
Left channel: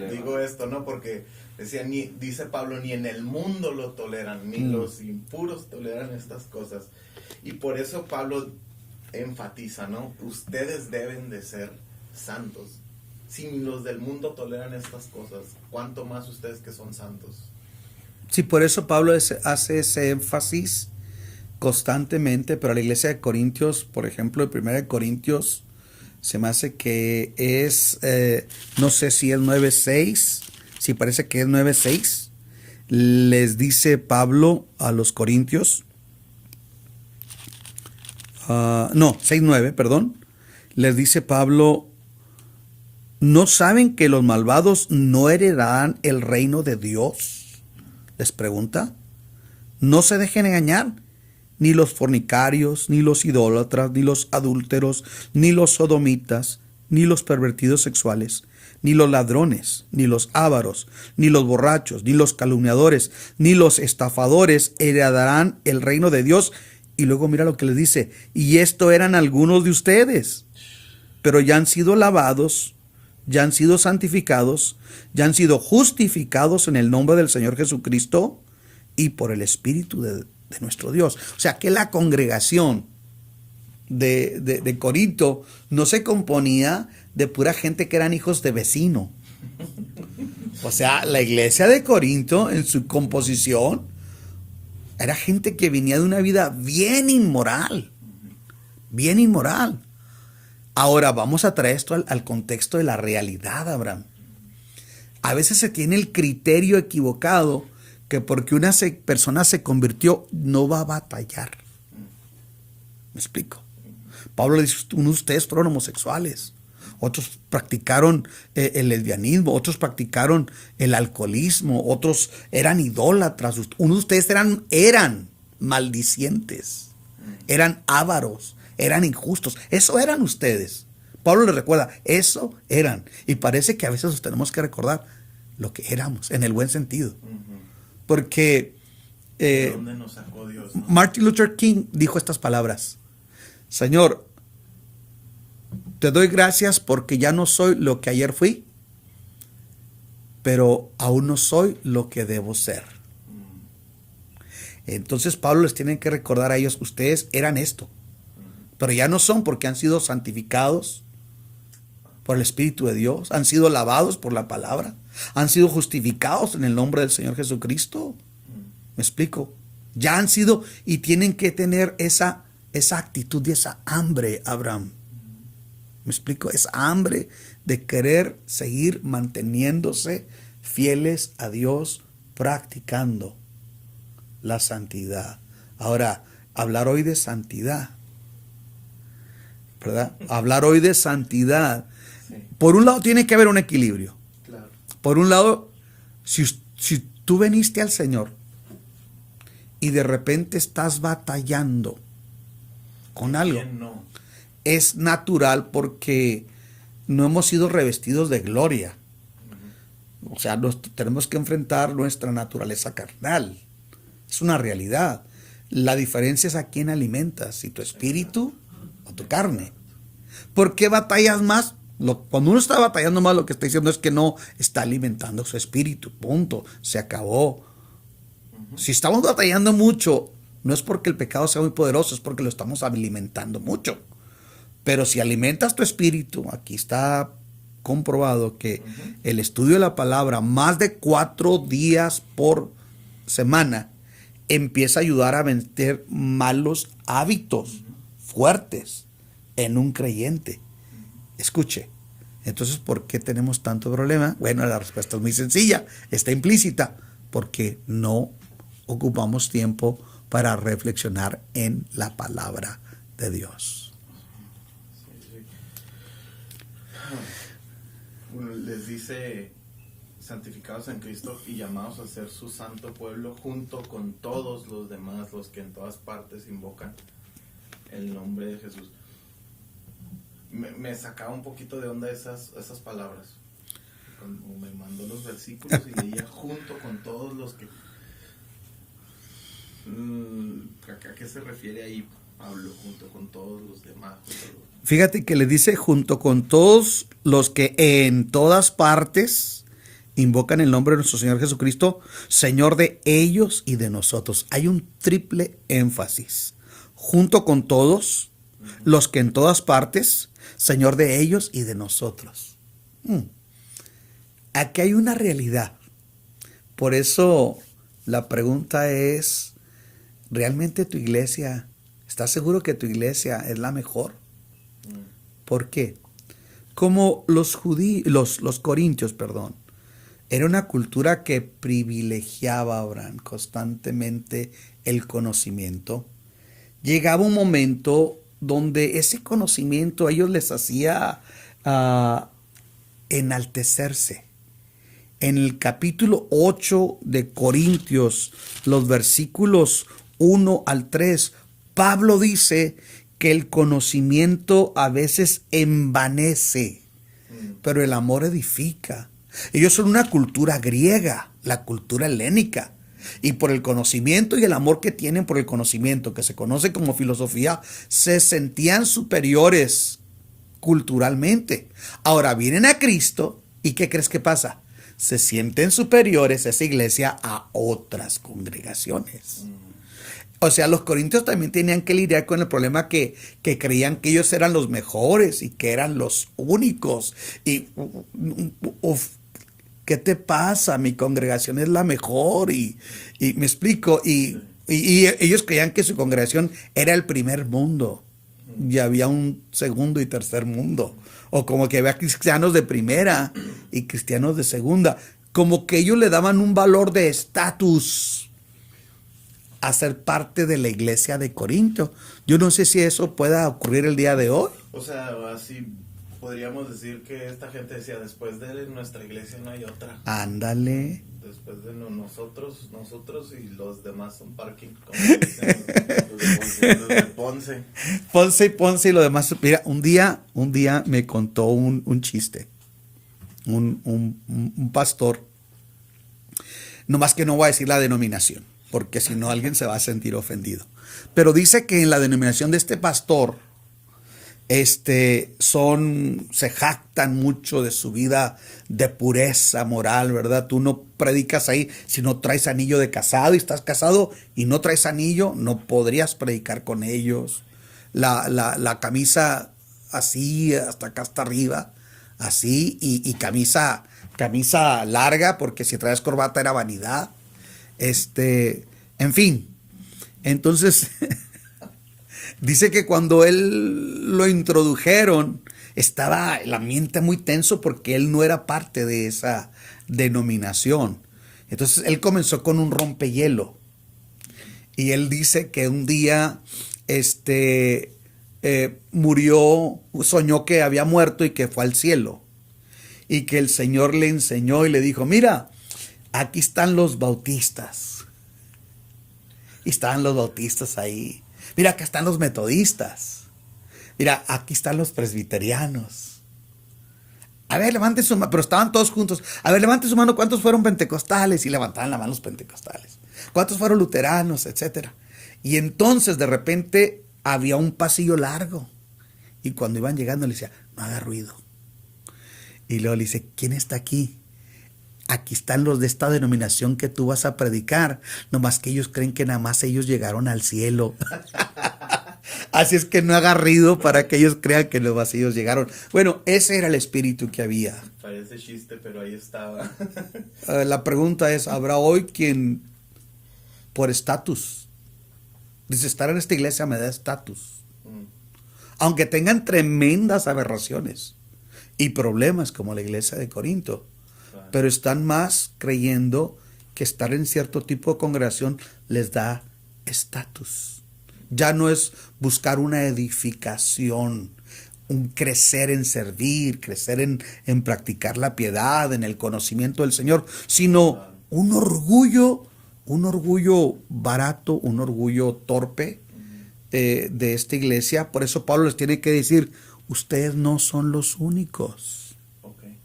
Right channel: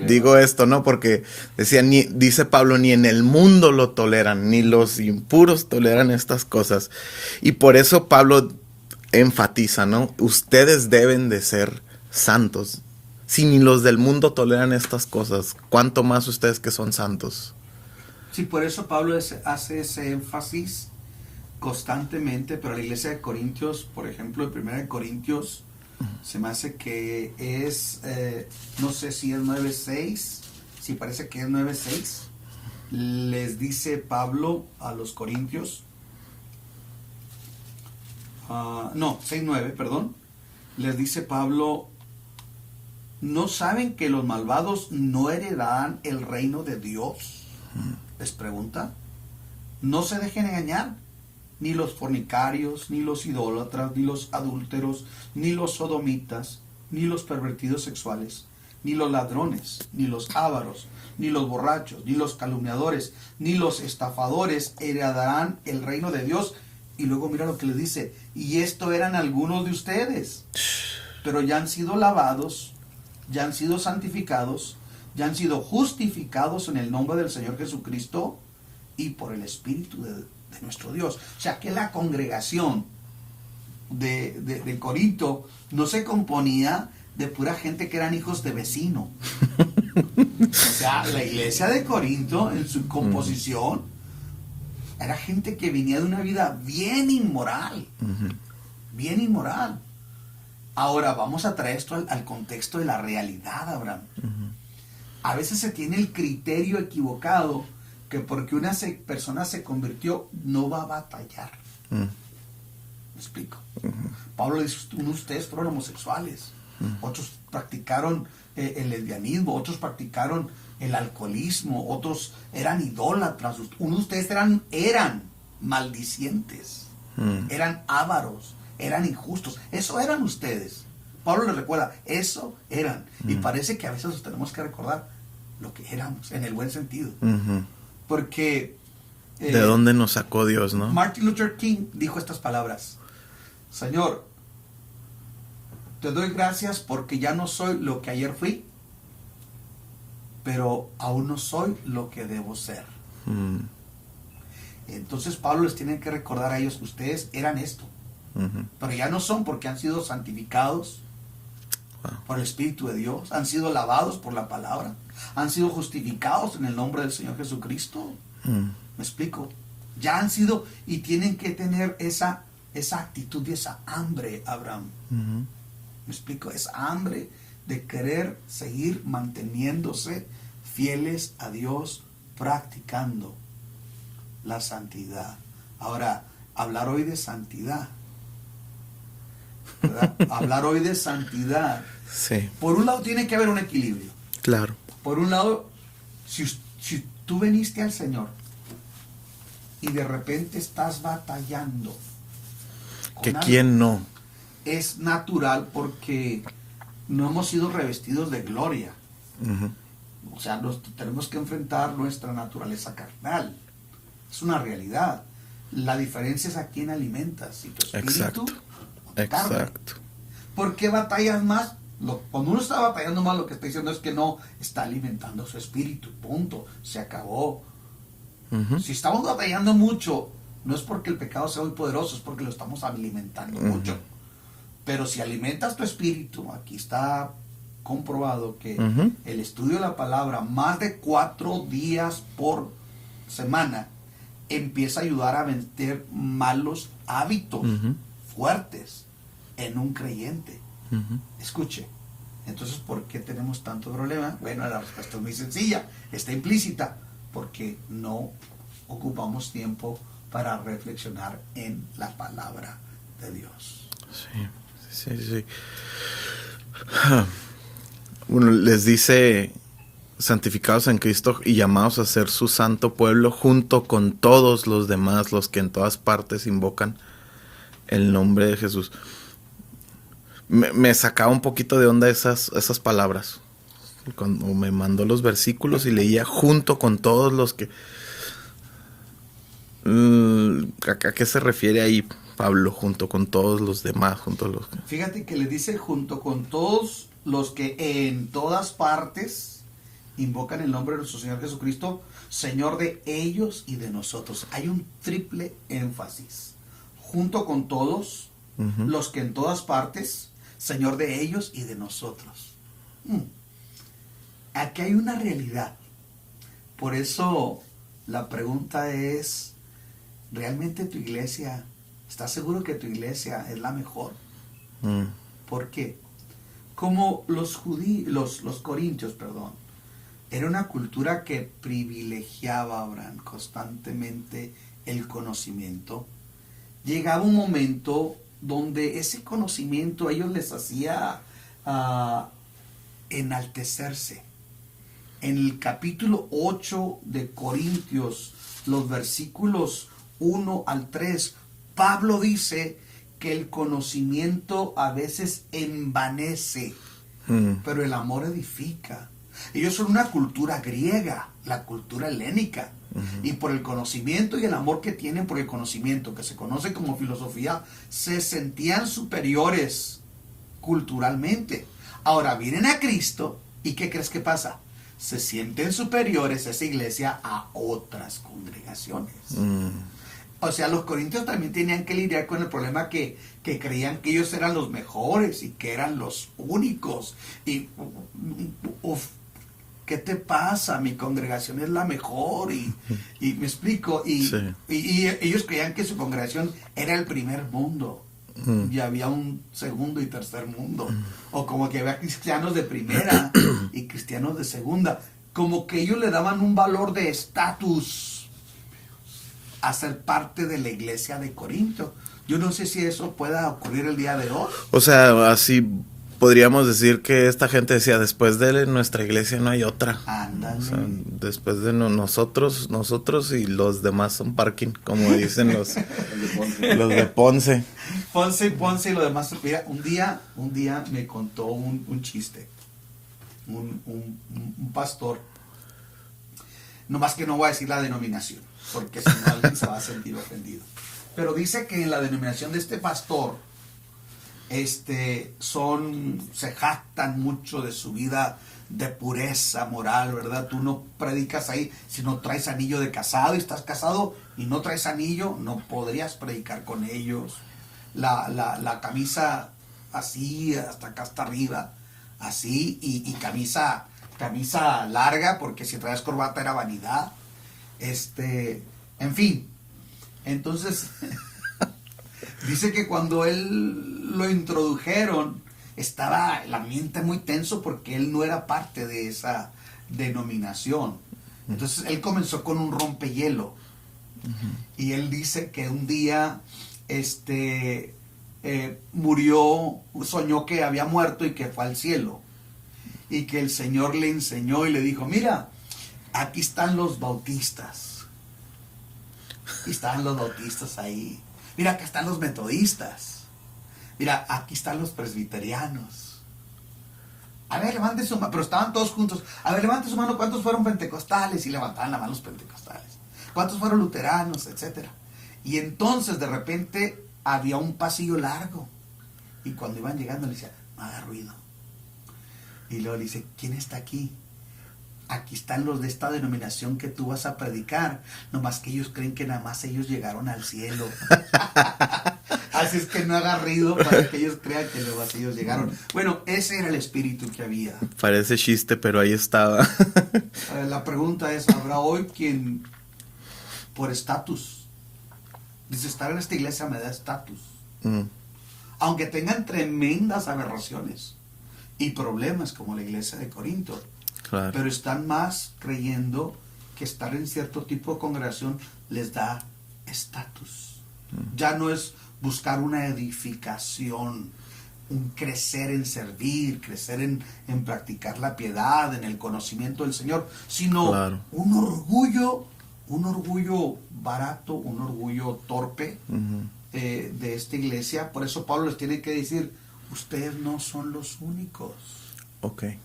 digo esto, ¿no? Porque dice Pablo, ni en el mundo lo toleran, ni los impuros toleran estas cosas. Y por eso Pablo enfatiza, ¿no? Ustedes deben de ser santos. Si ni los del mundo toleran estas cosas, ¿cuánto más ustedes que son santos? Sí, por eso Pablo hace ese énfasis constantemente, pero la iglesia de Corintios, por ejemplo, en 1 Corintios, se me hace que es, no sé si es 9:6, si parece que es 9:6, les dice Pablo a los corintios, 6:9, perdón, les dice Pablo, ¿no saben que los malvados no heredarán el reino de Dios? Les pregunta. No se dejen engañar. Ni los fornicarios, ni los idólatras, ni los adúlteros, ni los sodomitas, ni los pervertidos sexuales, ni los ladrones, ni los ávaros, ni los borrachos, ni los calumniadores, ni los estafadores heredarán el reino de Dios. Y luego mira lo que les dice, y esto eran algunos de ustedes, pero ya han sido lavados, ya han sido santificados, ya han sido justificados en el nombre del Señor Jesucristo y por el Espíritu de nuestro Dios. O sea que la congregación de Corinto no se componía de pura gente que eran hijos de vecino. O sea, la iglesia de Corinto en su composición era gente que venía de una vida bien inmoral. Bien inmoral. Ahora vamos a traer esto al contexto de la realidad, Abraham. A veces se tiene el criterio equivocado que porque una persona se convirtió no va a batallar. ¿Me explico? Pablo le dice, uno de ustedes fueron homosexuales, otros practicaron el lesbianismo, otros practicaron el alcoholismo, otros eran idólatras, uno de ustedes eran maldicientes, eran ávaros, eran injustos, eso eran ustedes. Pablo les recuerda, eso eran. Y parece que a veces nos tenemos que recordar lo que éramos, en el buen sentido. Porque ¿de dónde nos sacó Dios, no? Martin Luther King dijo estas palabras: Señor, te doy gracias porque ya no soy lo que ayer fui, pero aún no soy lo que debo ser. Entonces Pablo les tiene que recordar a ellos, ustedes eran esto, pero ya no son, porque han sido santificados por el Espíritu de Dios, han sido lavados por la palabra, han sido justificados en el nombre del Señor Jesucristo. ¿Me explico? Ya han sido, y tienen que tener esa actitud y esa hambre, Abraham. ¿Me explico? Esa hambre de querer seguir manteniéndose fieles a Dios, practicando la santidad. Ahora, hablar hoy de santidad, ¿verdad? Hablar hoy de santidad. Sí. Por un lado tiene que haber un equilibrio. Claro. Por un lado, si tú veniste al Señor y de repente estás batallando con algo, ¿quién no? es natural, porque no hemos sido revestidos de gloria. O sea, tenemos que enfrentar nuestra naturaleza carnal. Es una realidad. La diferencia es a quién alimentas, si tu espíritu o tu carne. ¿Por qué batallas más? Cuando uno está batallando más, lo que está diciendo es que no está alimentando su espíritu. Punto. Se acabó. Si estamos batallando mucho, no es porque el pecado sea muy poderoso, es porque lo estamos alimentando mucho. Pero si alimentas tu espíritu, aquí está comprobado que el estudio de la palabra más de 4 días por semana empieza a ayudar a vencer malos hábitos fuertes en un creyente. Escuche, entonces, ¿por qué tenemos tanto problema? Bueno, la respuesta es muy sencilla, está implícita, porque no ocupamos tiempo para reflexionar en la palabra de Dios. Sí. Bueno, les dice, santificados en Cristo y llamados a ser su santo pueblo junto con todos los demás, los que en todas partes invocan el nombre de Jesús. Me sacaba un poquito de onda esas palabras. Cuando me mandó los versículos y leía junto con todos los que... ¿A qué se refiere ahí Pablo? Junto con todos los demás. Fíjate que le dice junto con todos los que en todas partes invocan el nombre de nuestro Señor Jesucristo, Señor de ellos y de nosotros. Hay un triple énfasis. Junto con todos los que en todas partes, Señor de ellos y de nosotros. Aquí hay una realidad. Por eso la pregunta es, ¿realmente tu iglesia, estás seguro que tu iglesia es la mejor? ¿Por qué? Como los corintios, era una cultura que privilegiaba, Abraham, constantemente el conocimiento. Llegaba un momento donde ese conocimiento a ellos les hacía enaltecerse. En el capítulo 8 de Corintios, los versículos 1 al 3, Pablo dice que el conocimiento a veces envanece pero el amor edifica. Ellos son una cultura griega, la cultura helénica. Y por el conocimiento y el amor que tienen por el conocimiento, que se conoce como filosofía, se sentían superiores culturalmente. Ahora vienen a Cristo y ¿qué crees que pasa? Se sienten superiores esa iglesia a otras congregaciones. O sea, los corintios también tenían que lidiar con el problema que creían que ellos eran los mejores y que eran los únicos. Y ¿qué te pasa? Mi congregación es la mejor. Y me explico. Y ellos creían que su congregación era el primer mundo. Y había un segundo y tercer mundo. O como que había cristianos de primera y cristianos de segunda. Como que ellos le daban un valor de estatus a ser parte de la iglesia de Corinto. Yo no sé si eso pueda ocurrir el día de hoy. O sea, así podríamos decir que esta gente decía, después de nuestra iglesia no hay otra. Ándale. O sea, después de nosotros y los demás son parking, como dicen los de Ponce. Ponce y lo demás. Mira, un día me contó un chiste. Un pastor. Nomás que no voy a decir la denominación, porque si no alguien se va a sentir ofendido. Pero dice que en la denominación de este pastor, se jactan mucho de su vida de pureza moral, ¿verdad? Tú no predicas ahí si no traes anillo de casado y estás casado y no traes anillo, no podrías predicar con ellos. La camisa así, hasta acá hasta arriba, así, y camisa larga, porque si traes corbata era vanidad. En fin. Entonces, dice que cuando él lo introdujeron, estaba el ambiente muy tenso porque él no era parte de esa denominación. Entonces, él comenzó con un rompehielo. Y él dice que un día, murió, soñó que había muerto y que fue al cielo. Y que el Señor le enseñó y le dijo, mira, aquí están los bautistas. Y estaban los bautistas ahí. Mira, acá están los metodistas. Mira, aquí están los presbiterianos. A ver, levante su mano. Pero estaban todos juntos. A ver, levante su mano. ¿Cuántos fueron pentecostales? Y levantaban la mano los pentecostales. ¿Cuántos fueron luteranos? Etcétera. Y entonces, de repente, había un pasillo largo. Y cuando iban llegando, le decía, no haga ruido. Y luego le dice, ¿quién está aquí? Aquí están los de esta denominación que tú vas a predicar. Nomás que ellos creen que nada más ellos llegaron al cielo. Así es que no haga ruido para que ellos crean que los vacíos llegaron. Bueno, ese era el espíritu que había. Parece chiste, pero ahí estaba. La pregunta es, ¿habrá hoy quien por estatus dice, estar en esta iglesia me da estatus? Aunque tengan tremendas aberraciones y problemas como la iglesia de Corinto. Claro. Pero están más creyendo que estar en cierto tipo de congregación les da estatus. Ya no es buscar una edificación, un crecer en servir, crecer en practicar la piedad, en el conocimiento del Señor, sino claro, un orgullo barato, un orgullo torpe de esta iglesia. Por eso Pablo les tiene que decir, ustedes no son los únicos. Okay.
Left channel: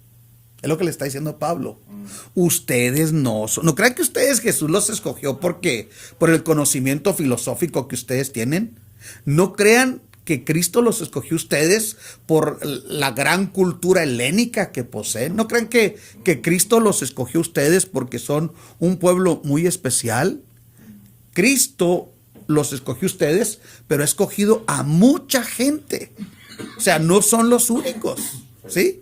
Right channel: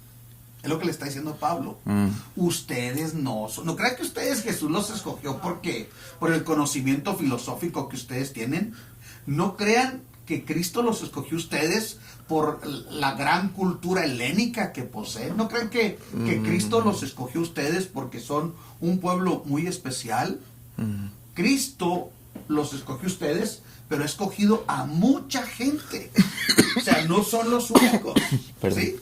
Es lo que le está diciendo Pablo. Ustedes no son. No crean que ustedes Jesús los escogió porque por el conocimiento filosófico que ustedes tienen. No crean que Cristo los escogió ustedes por la gran cultura helénica que poseen. No crean que Cristo los escogió ustedes porque son un pueblo muy especial. Cristo los escogió ustedes, pero ha escogido a mucha gente. O sea, no son los únicos. ¿Sí?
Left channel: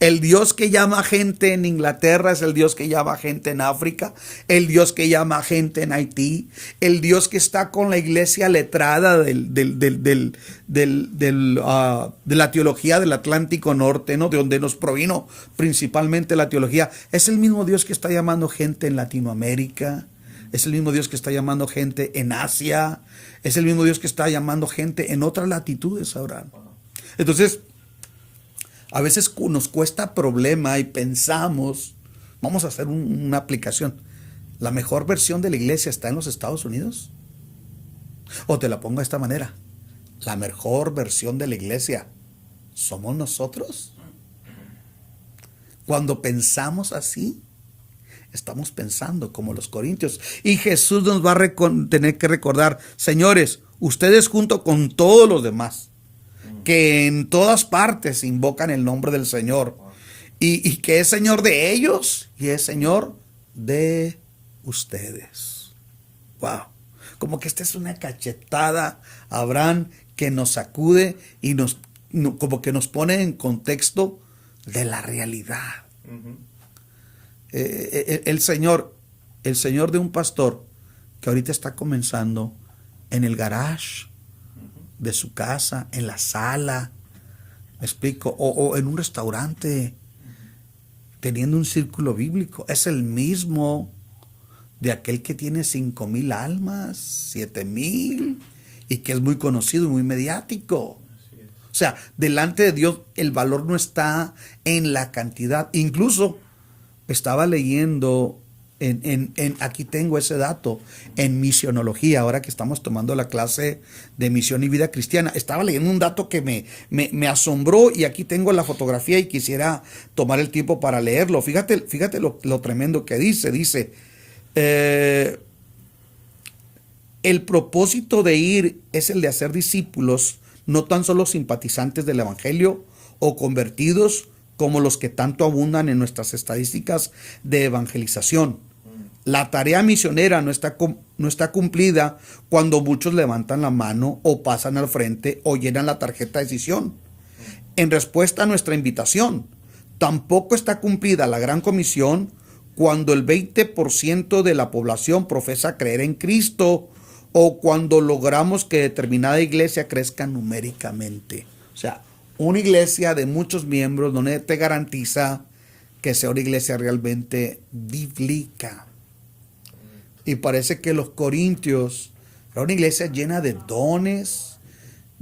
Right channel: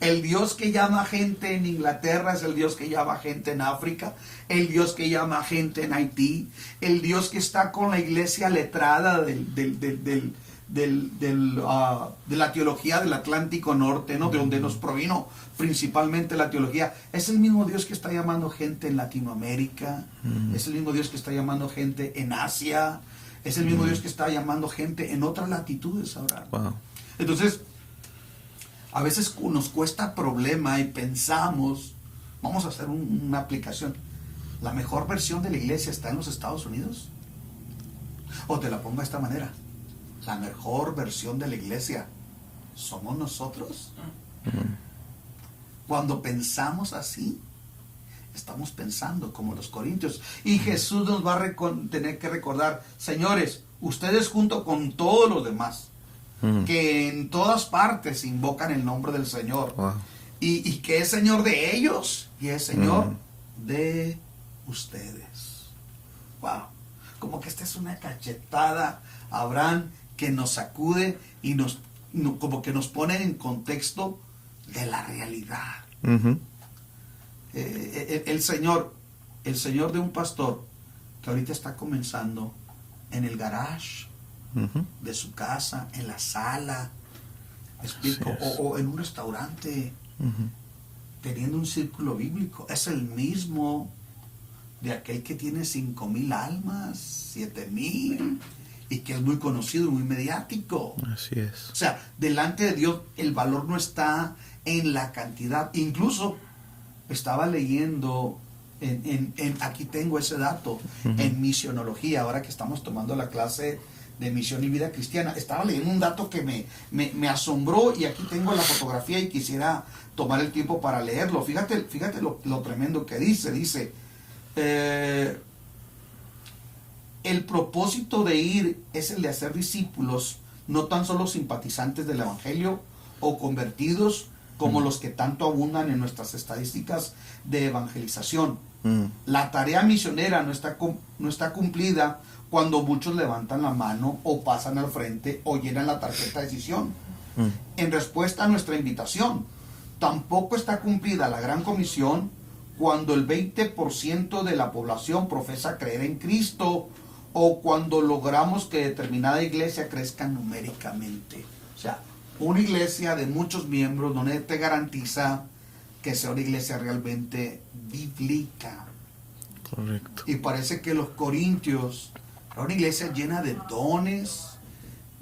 El Dios que llama gente en Inglaterra es el Dios que llama gente en África, el Dios que llama gente en Haití, el Dios que está con la iglesia letrada de la teología del Atlántico Norte, ¿no? De donde nos provino principalmente la teología. Es el mismo Dios que está llamando gente en Latinoamérica, es el mismo Dios que está llamando gente en Asia, es el mismo Dios que está llamando gente en otras latitudes ahora. Wow. Entonces, a veces nos cuesta problema y pensamos, vamos a hacer una aplicación. ¿La mejor versión de la iglesia está en los Estados Unidos? O te la pongo de esta manera. ¿La mejor versión de la iglesia somos nosotros? Cuando pensamos así, estamos pensando como los corintios. Y Jesús nos va a tener que recordar, señores, ustedes junto con todos los demás, que en todas partes invocan el nombre del Señor, Wow. y que es Señor de ellos y es Señor de ustedes. Wow. Como que esta es una cachetada, Abraham, que nos sacude y como que nos pone en contexto de la realidad. Ujú. El Señor de un pastor que ahorita está comenzando en el garage Ujú. de su casa, en la sala, ¿me explico? Así es. O en un restaurante, teniendo un círculo bíblico. Es el mismo de aquel que tiene 5,000 almas, 7,000, y que es muy conocido y muy mediático. Así es. O sea, delante de Dios el valor no está en la cantidad. Incluso estaba leyendo, aquí tengo ese dato, en misionología, ahora que estamos tomando la clase de misión y vida cristiana, estaba leyendo un dato que me asombró, y aquí tengo la fotografía y quisiera tomar el tiempo para leerlo. Fíjate lo tremendo que dice, el propósito de ir es el de hacer discípulos, no tan solo simpatizantes del Evangelio o convertidos como los que tanto abundan en nuestras estadísticas de evangelización. La tarea misionera no está cumplida cuando muchos levantan la mano o pasan al frente o llenan la tarjeta de decisión en respuesta a nuestra invitación. Tampoco está cumplida la gran comisión cuando el 20% de la población profesa creer en Cristo, o cuando logramos que determinada iglesia crezca numéricamente. O sea, una iglesia de muchos miembros no te garantiza que sea una iglesia realmente bíblica. Correcto. Y parece que los corintios era una iglesia llena de dones,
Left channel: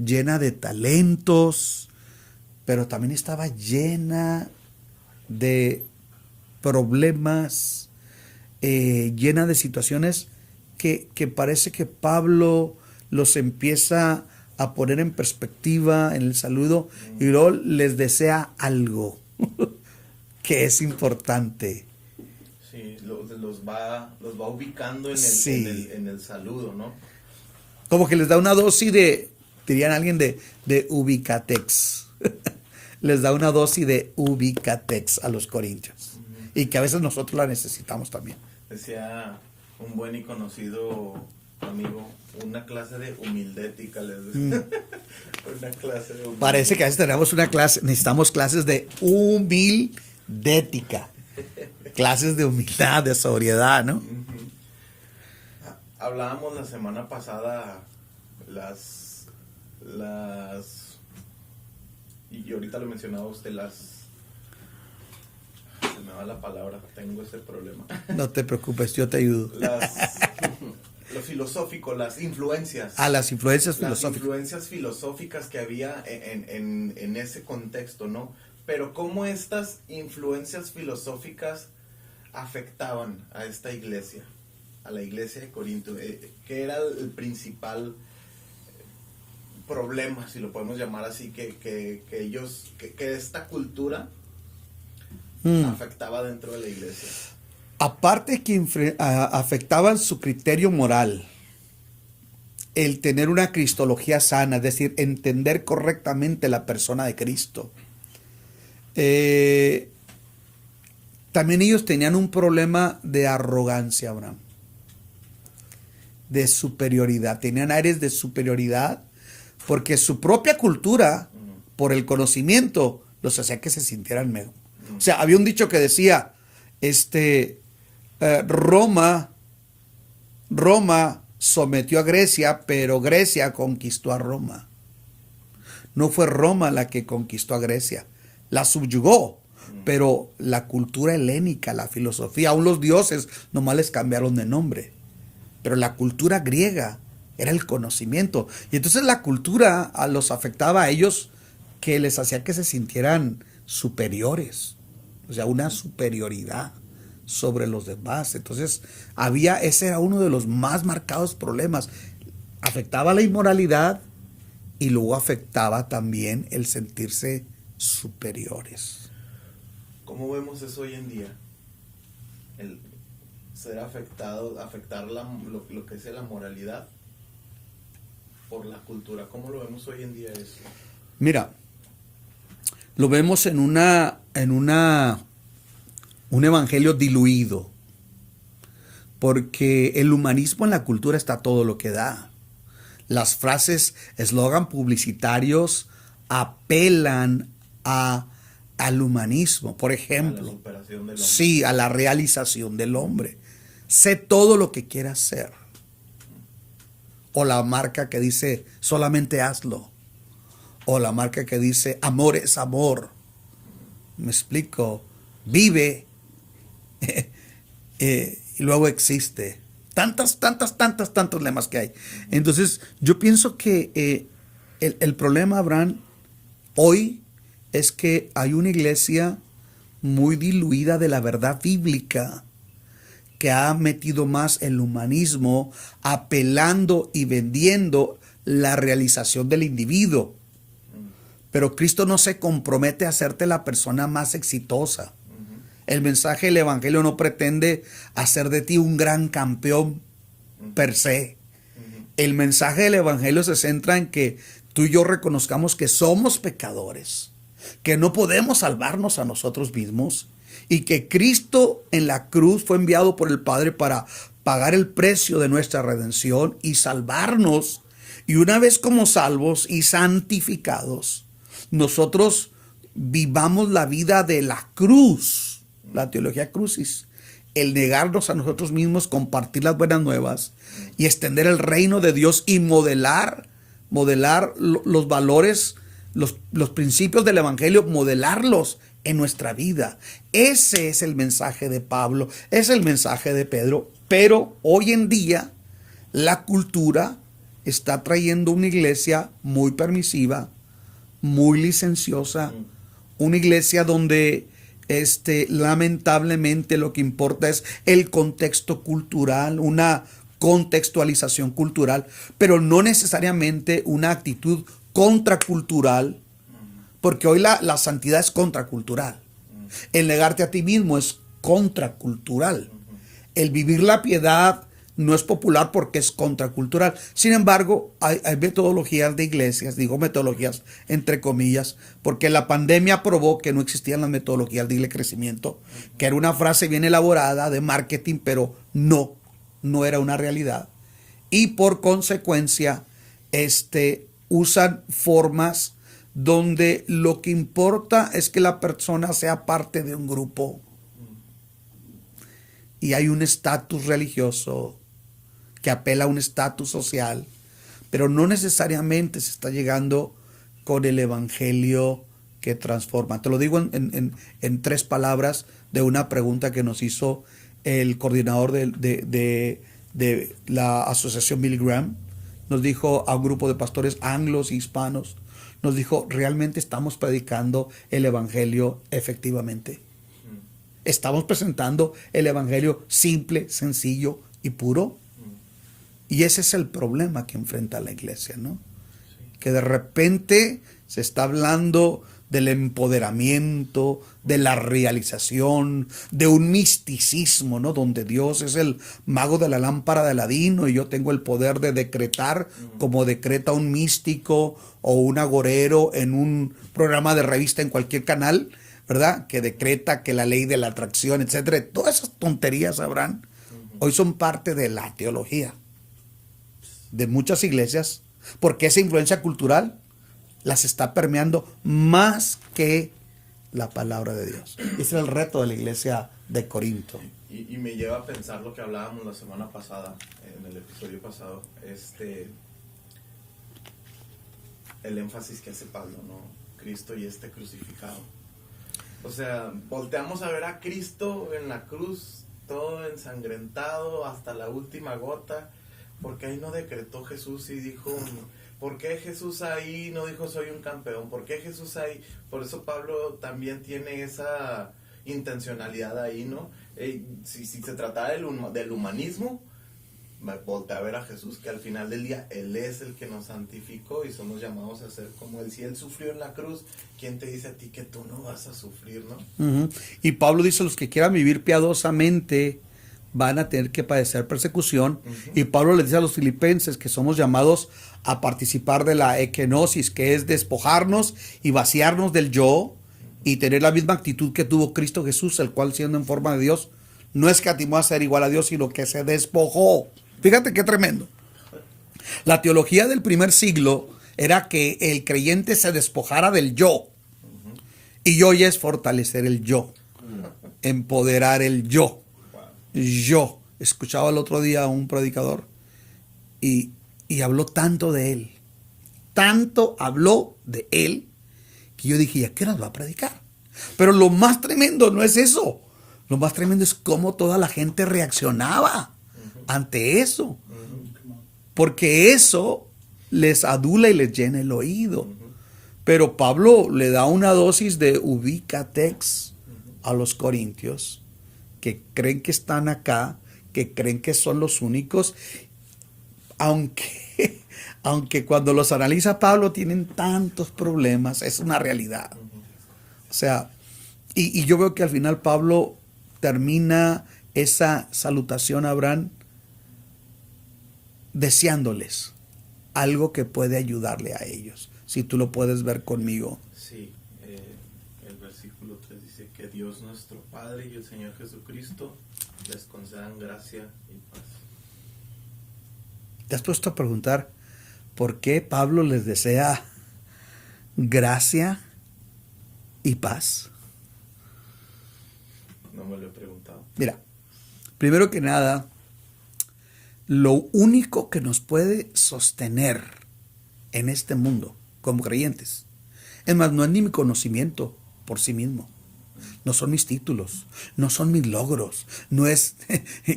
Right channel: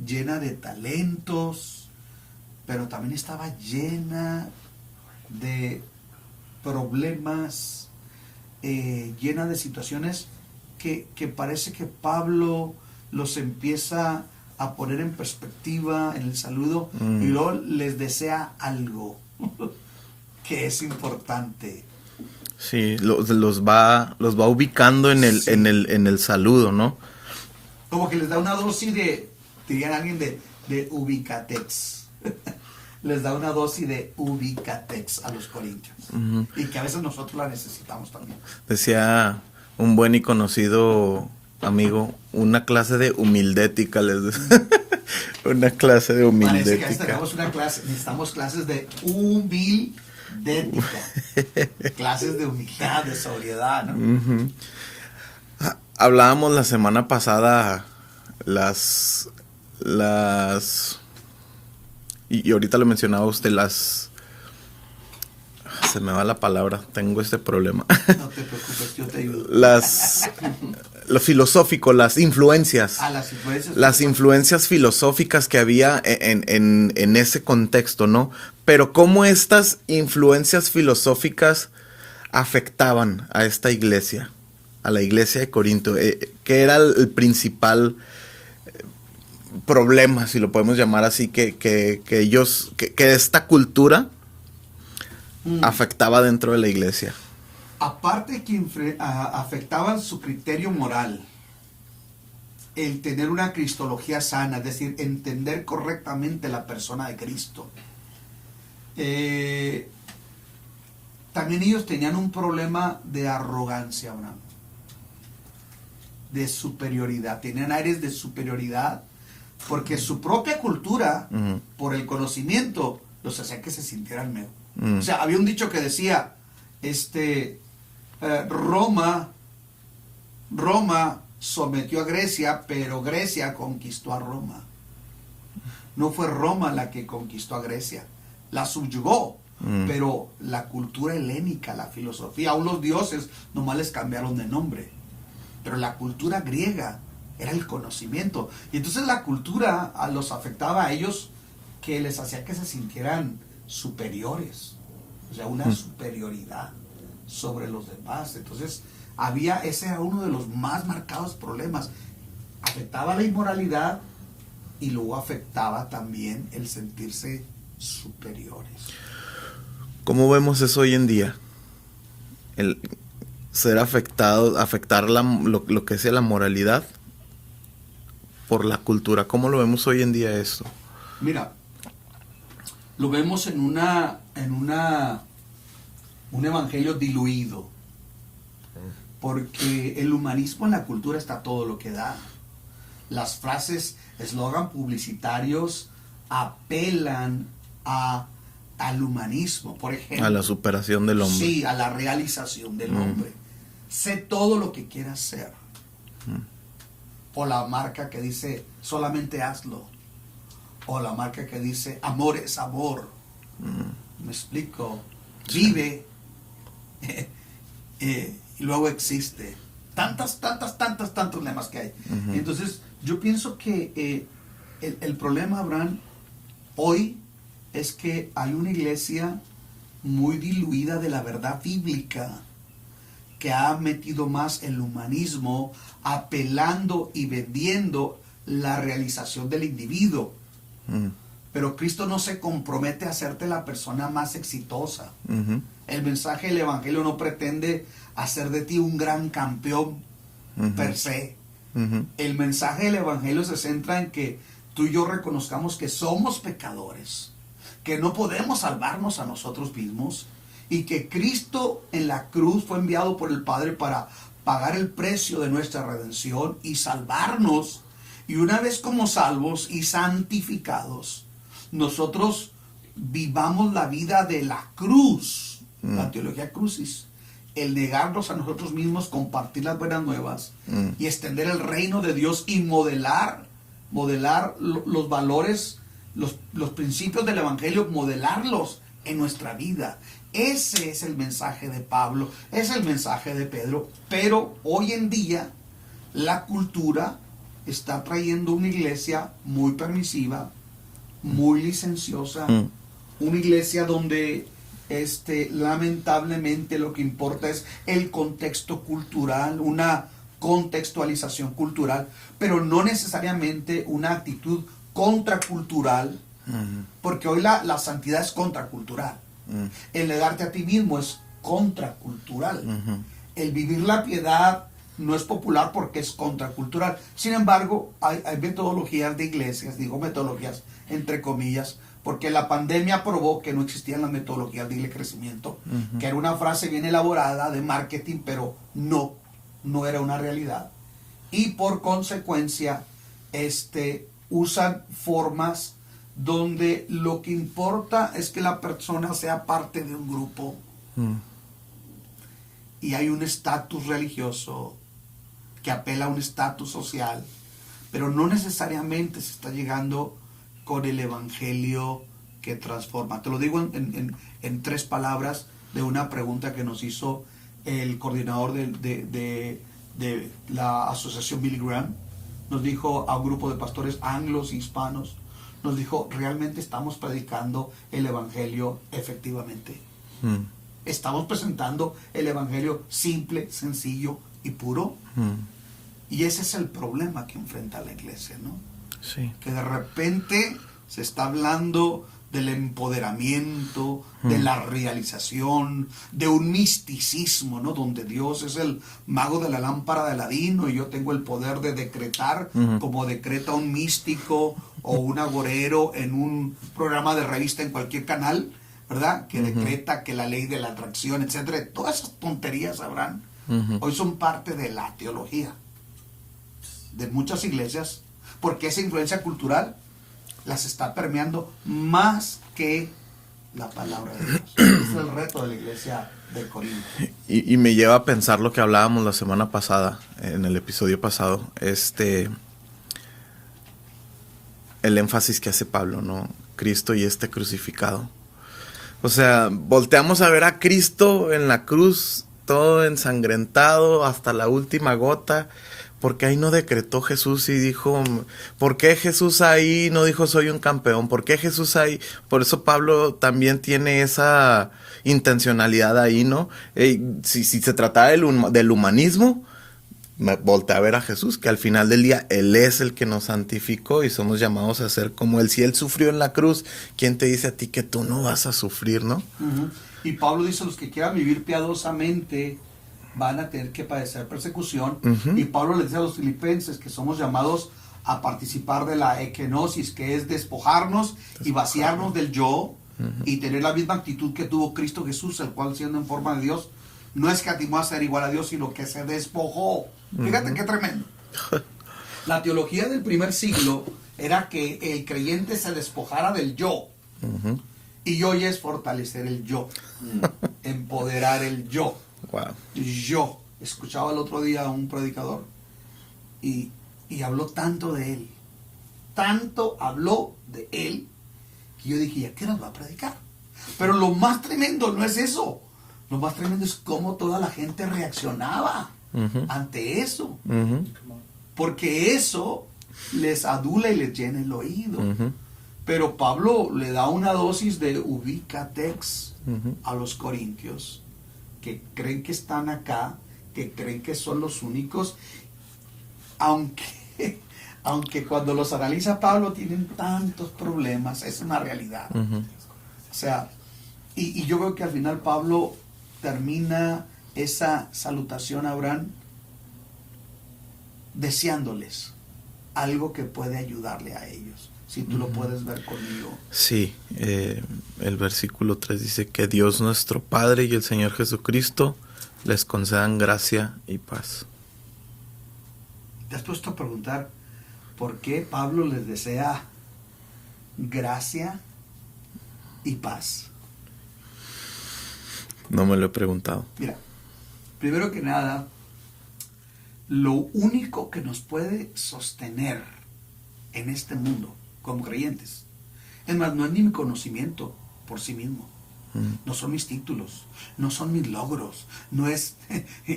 llena de talentos, pero también estaba llena de problemas, llena de situaciones que parece que Pablo los empieza a poner en perspectiva en el saludo, y luego les desea algo que es importante. Sí, los va ubicando en Sí. en el saludo, ¿no? Como que les da una dosis dirían alguien, de ubicatex. Les da una dosis de ubicatex a los corintios. Y que a veces nosotros la necesitamos también. Decía un buen y conocido amigo, una clase de humildética, les decía. Una clase de humildética. Parece que a veces tenemos necesitamos clases de humildética. Clases de humildad, de sobriedad, ¿no? Hablábamos la semana pasada y ahorita lo mencionaba usted, se me va la palabra, tengo este problema. No te preocupes, yo te ayudo. Lo filosófico, las influencias. Las influencias. Las influencias filosóficas que había en ese contexto, ¿no? Pero cómo estas influencias filosóficas afectaban a esta iglesia, a la iglesia de Corinto, que era el principal problema, si lo podemos llamar así, que esta cultura afectaba dentro de la iglesia. Aparte que afectaban su criterio moral, el tener una cristología sana, es decir, entender correctamente la persona de Cristo. También ellos tenían un problema de arrogancia, Abraham, de superioridad. Tenían aires de superioridad porque su propia cultura, por el conocimiento, los hacía que se sintieran mejor. O sea, había un dicho que decía, Roma sometió a Grecia, pero Grecia conquistó a Roma. No fue Roma la que conquistó a Grecia, la subyugó, pero la cultura helénica, la filosofía, aún los dioses nomás les cambiaron de nombre, pero la cultura griega era el conocimiento, y entonces la cultura los afectaba a ellos, que les hacía que se sintieran superiores, o sea, una superioridad sobre los demás. Entonces ese era uno de los más marcados problemas. Afectaba la inmoralidad y luego afectaba también el sentirse superiores. ¿Cómo vemos eso hoy en día? El ser afectar lo que es la moralidad por la cultura. ¿Cómo lo vemos hoy en día eso? Mira, lo vemos en un evangelio diluido, porque el humanismo en la cultura está todo lo que da. Las frases, eslogan publicitarios apelan al humanismo, por ejemplo. A la superación del hombre. Sí, a la realización del hombre. Sé todo lo que quieras ser. O la marca que dice, solamente hazlo. O la marca que dice, amor es amor. ¿Me explico? Vive. Y luego existe. Tantos lemas que hay. Entonces, yo pienso que el problema, Abraham, hoy es que hay una iglesia muy diluida de la verdad bíblica, que ha metido más el humanismo, apelando y vendiendo la realización del individuo. Pero Cristo no se compromete a hacerte la persona más exitosa. El mensaje del evangelio no pretende hacer de ti un gran campeón per se. El mensaje del evangelio se centra en que tú y yo reconozcamos que somos pecadores, que no podemos salvarnos a nosotros mismos, y que Cristo en la cruz fue enviado por el Padre para pagar el precio de nuestra redención y salvarnos. Y una vez como salvos y santificados, nosotros vivamos la vida de la cruz, la teología crucis, el negarnos a nosotros mismos, compartir las buenas nuevas y extender el reino de Dios y modelar los valores, los principios del evangelio, modelarlos en nuestra vida. Ese es el mensaje de Pablo, es el mensaje de Pedro. Pero hoy en día la cultura está trayendo una iglesia muy permisiva, muy licenciosa, una iglesia donde lamentablemente lo que importa es el contexto cultural, una contextualización cultural, pero no necesariamente una actitud contracultural, porque hoy la santidad es contracultural. El negarte a ti mismo es contracultural. El vivir la piedad no es popular porque es contracultural. Sin embargo, hay metodologías de iglesias, digo metodologías entre comillas, porque la pandemia probó que no existían las metodologías de crecimiento, que era una frase bien elaborada de marketing, pero no era una realidad. Y por consecuencia, usan formas donde lo que importa es que la persona sea parte de un grupo. Y hay un estatus religioso que apela a un estatus social, pero no necesariamente se está llegando con el evangelio que transforma. Te lo digo en 3 palabras de una pregunta que nos hizo el coordinador de la asociación Billy Graham. Nos dijo a un grupo de pastores anglos y hispanos, nos dijo, ¿realmente estamos predicando el evangelio efectivamente? ¿Estamos presentando el evangelio simple, sencillo y puro? Y ese es el problema que enfrenta la iglesia, ¿no? Sí. Que de repente se está hablando del empoderamiento, de la realización, de un misticismo, ¿no? Donde Dios es el mago de la lámpara de Aladino y yo tengo el poder de decretar como decreta un místico o un agorero en un programa de revista en cualquier canal, ¿verdad? Que decreta que la ley de la atracción, etcétera. Todas esas tonterías, Abraham, hoy son parte de la teología de muchas iglesias, porque esa influencia cultural las está permeando más que la palabra de Dios. Ese es el reto de la iglesia de Corinto. Y me lleva a pensar lo que hablábamos la semana pasada, en el episodio pasado, el énfasis que hace Pablo, ¿no? Cristo y crucificado. O sea, volteamos a ver a Cristo en la cruz, todo ensangrentado hasta la última gota, porque ahí no decretó Jesús y dijo, ¿por qué Jesús ahí no dijo soy un campeón? ¿Por qué Jesús ahí? Por eso Pablo también tiene esa intencionalidad ahí, ¿no? Si se tratara del humanismo, voltea a ver a Jesús, que al final del día Él es el que nos santificó y somos llamados a ser como Él. Si Él sufrió en la cruz, ¿quién te dice a ti que tú no vas a sufrir, no? Uh-huh. Y Pablo dice, los que quieran vivir piadosamente van a tener que padecer persecución. Uh-huh. Y Pablo le dice a los filipenses que somos llamados a participar de la ekenosis, que es despojarnos y vaciarnos del yo, uh-huh, y tener la misma actitud que tuvo Cristo Jesús, el cual siendo en forma de Dios, no escatimó a ser igual a Dios, sino que se despojó. Fíjate qué tremendo. La teología del primer siglo era que el creyente se despojara del yo. Uh-huh. Y hoy es fortalecer el yo. Empoderar el yo. Wow. Yo. Escuchaba el otro día a un predicador y habló tanto de él. Tanto habló de él que yo dije, ¿ya qué nos va a predicar? Pero lo más tremendo no es eso. Lo más tremendo es cómo toda la gente reaccionaba, uh-huh, ante eso. Uh-huh. Porque eso les adula y les llena el oído. Uh-huh. Pero Pablo le da una dosis de ubicatex, uh-huh, a los corintios, que creen que están acá, que creen que son los únicos, aunque cuando los analiza Pablo tienen tantos problemas, es una realidad. Uh-huh. O sea, y yo veo que al final Pablo termina esa salutación a Abraham deseándoles algo que puede ayudarle a ellos. Si tú lo puedes ver conmigo. Sí, el versículo 3 dice que Dios nuestro Padre y el Señor Jesucristo les concedan gracia y paz. ¿Te has puesto a preguntar por qué Pablo les desea gracia y paz? No me lo he preguntado. Mira, primero que nada, lo único que nos puede sostener en este mundo como creyentes, es más, no es ni mi conocimiento por sí mismo, no son mis títulos, no son mis logros, no es,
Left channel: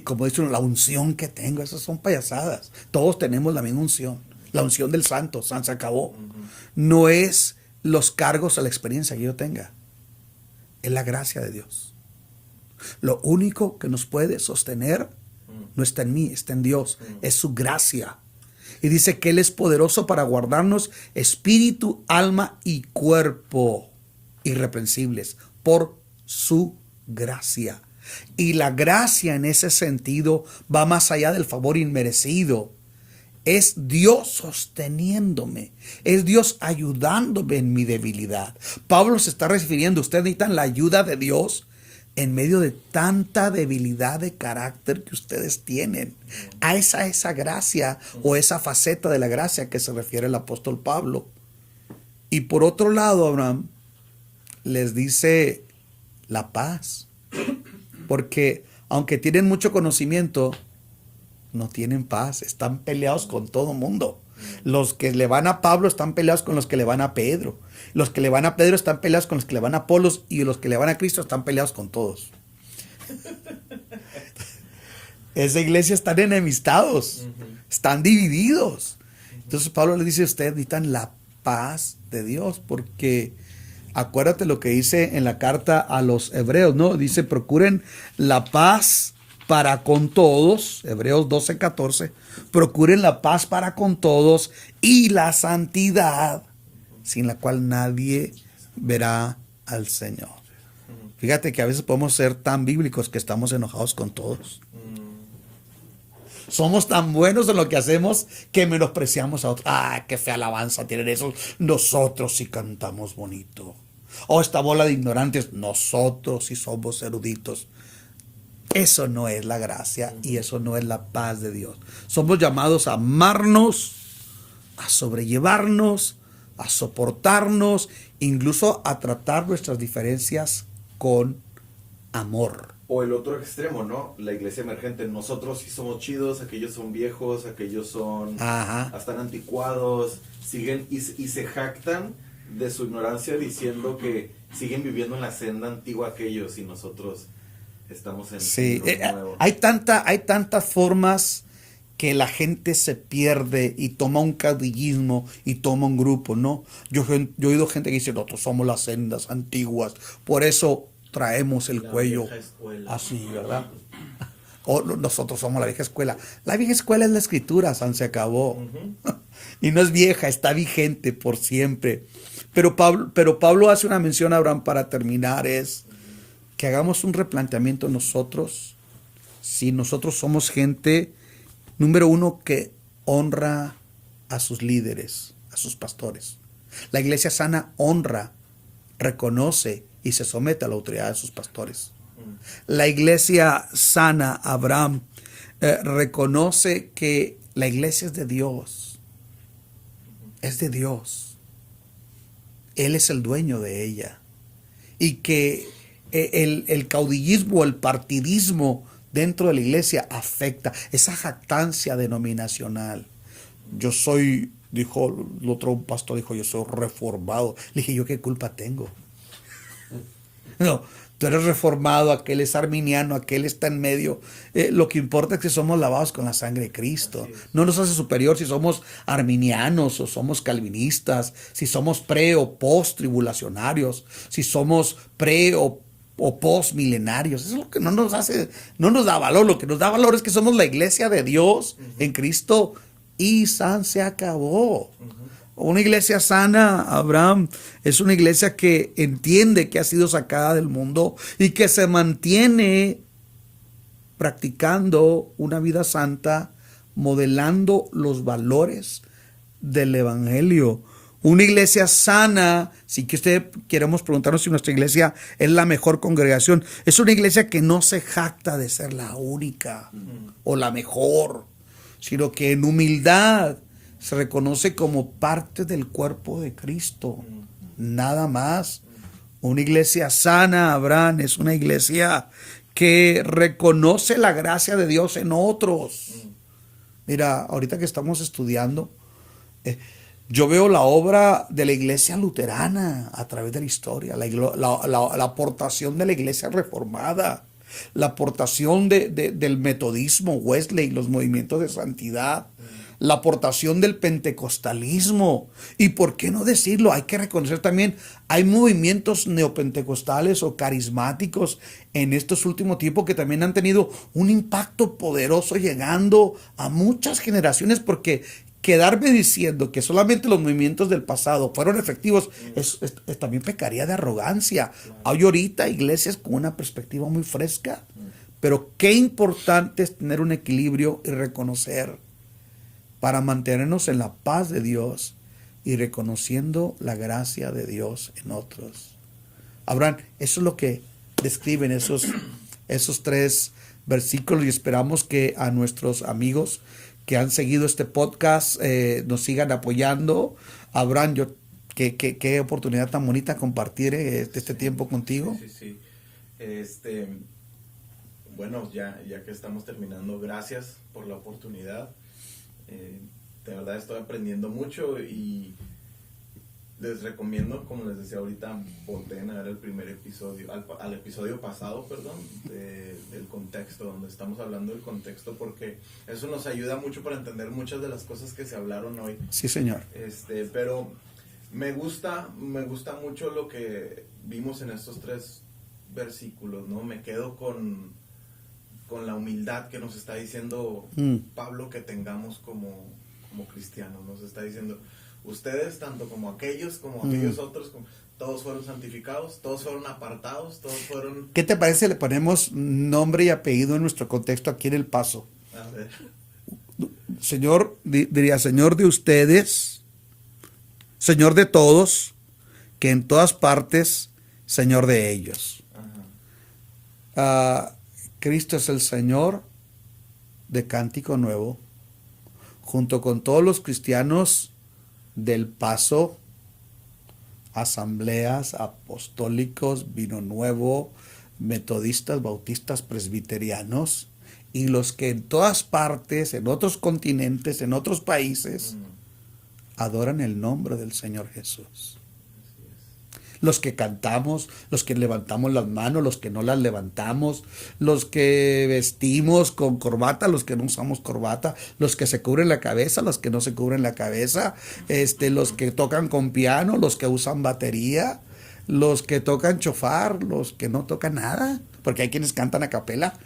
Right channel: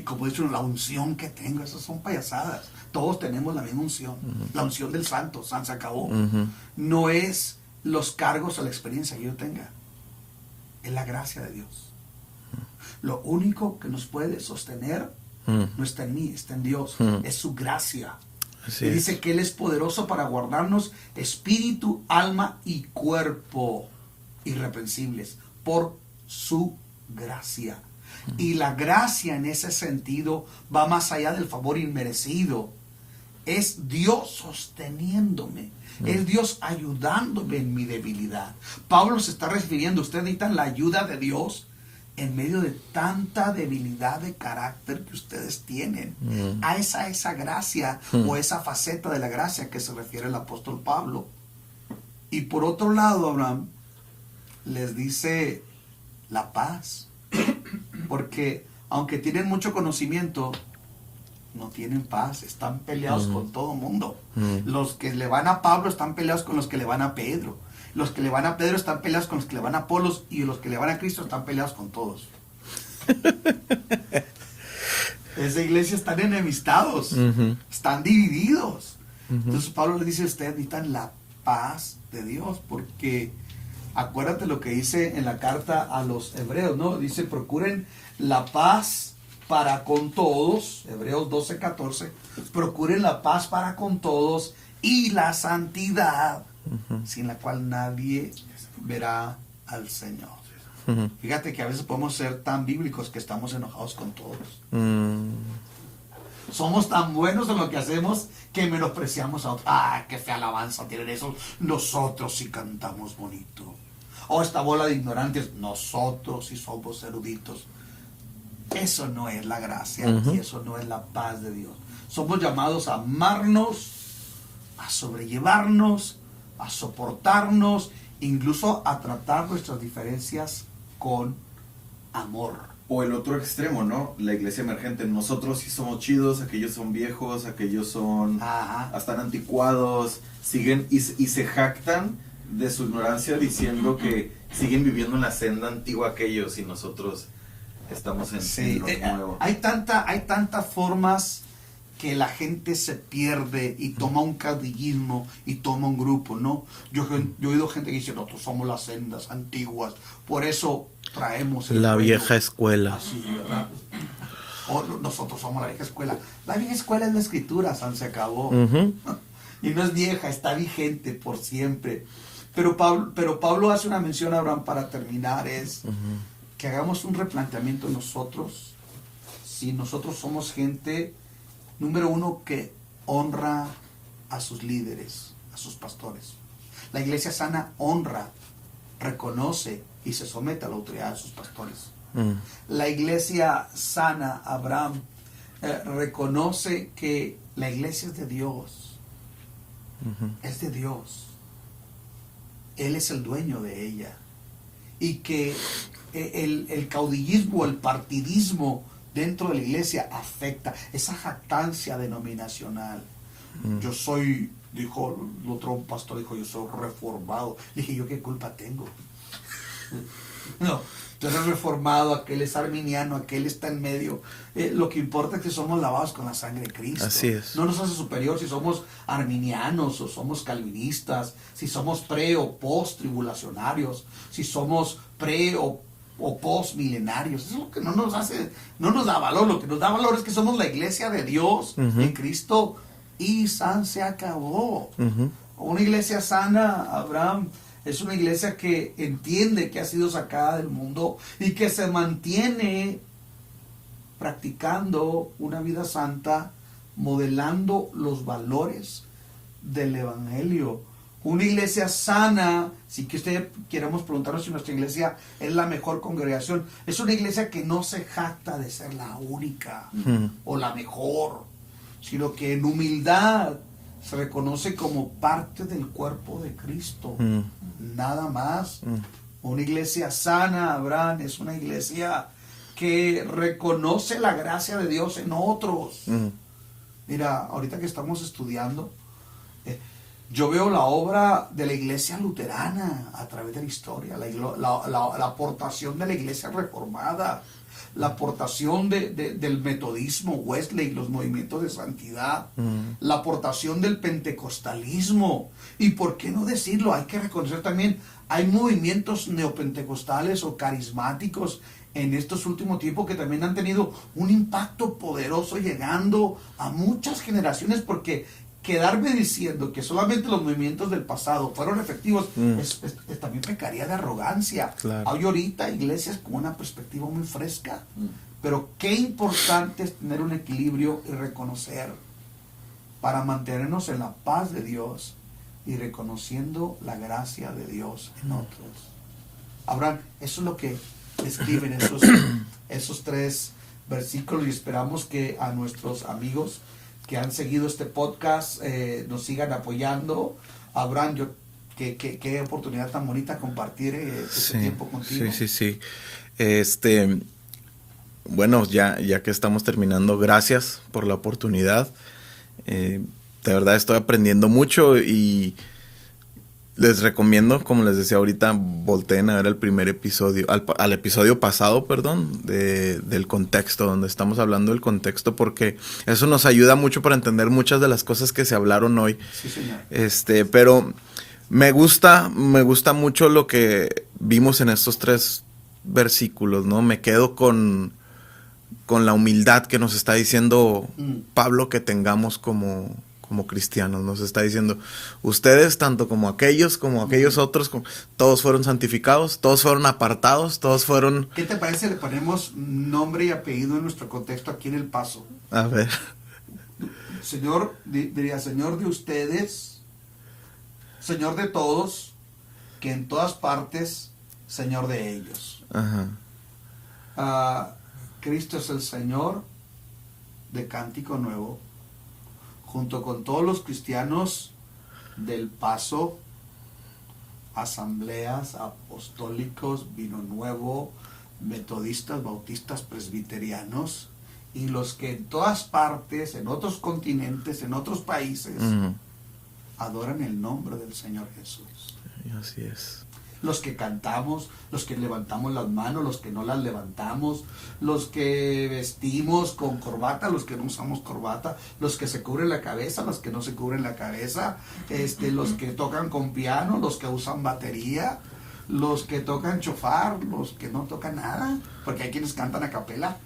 como he dicho, la unción que tengo, esas son payasadas. Todos tenemos la misma unción, la unción del santo, se acabó. No es los cargos o la experiencia que yo tenga, es la gracia de Dios. Lo único que nos puede sostener no está en mí, está en Dios. Es su gracia. Así y dice es. Que Él es poderoso para guardarnos espíritu, alma y cuerpo irreprensibles por su gracia. Y la gracia en ese sentido va más allá del favor inmerecido. Es Dios sosteniéndome. Es Dios ayudándome en mi debilidad. Pablo se está refiriendo, ustedes necesitan la ayuda de Dios en medio de tanta debilidad de carácter que ustedes tienen. A esa gracia o esa faceta de la gracia que se refiere el apóstol Pablo. Y por otro lado, Abraham les dice la paz. Porque aunque tienen mucho conocimiento, no tienen paz. Están peleados con todo el mundo. Los que le van a Pablo están peleados con los que le van a Pedro. Los que le van a Pedro están peleados con los que le van a Apolos, y los que le van a Cristo están peleados con todos. Esa iglesia están enemistados, están divididos. Entonces Pablo le dice a ustedes, necesitan la paz de Dios, porque acuérdate lo que dice en la carta a los hebreos, ¿no? Dice, procuren la paz para con todos, Hebreos 12:14, procuren la paz para con todos y la santidad, sin la cual nadie verá al Señor. Fíjate que a veces podemos ser tan bíblicos que estamos enojados con todos. Somos tan buenos en lo que hacemos que menospreciamos a otros. ¡Ah, qué fea alabanza tienen esos! Nosotros sí cantamos bonito. O esta bola de ignorantes, nosotros sí somos eruditos. Eso no es la gracia y eso no es la paz de Dios. Somos llamados a amarnos, a sobrellevarnos, a soportarnos, incluso a tratar nuestras diferencias con amor. O el otro extremo, ¿no? La iglesia emergente. Nosotros sí somos chidos, aquellos son viejos, aquellos son están anticuados, siguen y se jactan de su ignorancia diciendo que siguen viviendo en la senda antigua aquellos y nosotros estamos en lo nuevo. Hay tantas formas que la gente se pierde y toma un caudillismo y toma un grupo, ¿no? Yo he oído gente que dice, nosotros somos las sendas antiguas, por eso traemos el la cuello vieja escuela. así, ¿verdad? nosotros somos la vieja escuela. La vieja escuela es la escritura, se acabó. Y no es vieja, está vigente por siempre. Pero Pablo hace una mención a Abraham para terminar, es que hagamos un replanteamiento nosotros. Si nosotros somos gente, número uno, que honra a sus líderes, a sus pastores. La iglesia sana honra, reconoce y se somete a la autoridad de sus pastores. La iglesia sana, Abraham, reconoce que la iglesia es de Dios. Es de Dios. Él es el dueño de ella. Y que el caudillismo, el partidismo dentro de la iglesia afecta esa jactancia denominacional. Yo soy, dijo el otro pastor, dijo, yo soy reformado. Le dije, ¿yo qué culpa tengo? No, tú eres reformado, aquel es arminiano, aquel está en medio. Lo que importa es que somos lavados con la sangre de Cristo. Así es. No nos hace superior si somos arminianos o somos calvinistas, si somos pre o post tribulacionarios, si somos pre o post milenarios. Eso es lo que no nos hace, no nos da valor. Lo que nos da valor es que somos la iglesia de Dios en Cristo y se acabó. Una iglesia sana, Abraham, es una iglesia que entiende que ha sido sacada del mundo y que se mantiene practicando una vida santa, modelando los valores del evangelio. Una iglesia sana, si que usted queremos preguntarnos si nuestra iglesia es la mejor congregación, es una iglesia que no se jacta de ser la única o la mejor, sino que en humildad se reconoce como parte del cuerpo de Cristo. Nada más. Una iglesia sana, Abraham, es una iglesia que reconoce la gracia de Dios en otros. Mira, ahorita que estamos estudiando, yo veo la obra de la iglesia luterana a través de la historia, la aportación de la iglesia reformada, la aportación del metodismo, Wesley, los movimientos de santidad, la aportación del pentecostalismo. Y por qué no decirlo, hay que reconocer también, hay movimientos neopentecostales o carismáticos en estos últimos tiempos que también han tenido un impacto poderoso llegando a muchas generaciones, porque quedarme diciendo que solamente los movimientos del pasado fueron efectivos también pecaría de arrogancia. Claro. Hay ahorita iglesias con una perspectiva muy fresca, pero qué importante es tener un equilibrio y reconocer para mantenernos en la paz de Dios y reconociendo la gracia de Dios en otros. Abraham, eso es lo que describen esos 3 versículos, y esperamos que a nuestros amigos que han seguido este podcast nos sigan apoyando. Abraham, qué oportunidad tan bonita compartir este tiempo contigo. Sí. Bueno, ya que estamos terminando, gracias por la oportunidad. De verdad estoy aprendiendo mucho y les recomiendo, como les decía ahorita, volteen a ver el primer episodio, al episodio pasado, del contexto, donde estamos hablando del contexto, porque eso nos ayuda mucho para entender muchas de las cosas que se hablaron hoy. Sí, señor. Pero me gusta mucho lo que vimos en estos 3 versículos, ¿no? Me quedo con la humildad que nos está diciendo Pablo que tengamos como cristianos. Nos está diciendo, ustedes, tanto como aquellos otros, todos fueron santificados, todos fueron apartados, todos fueron... ¿Qué te parece si le ponemos nombre y apellido en nuestro contexto aquí en El Paso? A ver. Señor, diría, Señor de ustedes, Señor de todos, que en todas partes, Señor de ellos. Cristo es el Señor de Cántico Nuevo, junto con todos los cristianos del Paso, asambleas, apostólicos, Vino Nuevo, metodistas, bautistas, presbiterianos, y los que en todas partes, en otros continentes, en otros países, adoran el nombre del Señor Jesús. Así es. Los que cantamos, los que levantamos las manos, los que no las levantamos, los que vestimos con corbata, los que no usamos corbata, los que se cubren la cabeza, los que no se cubren la cabeza, los que tocan con piano, los que usan batería, los que tocan chofar, los que no tocan nada, porque hay quienes cantan a capela.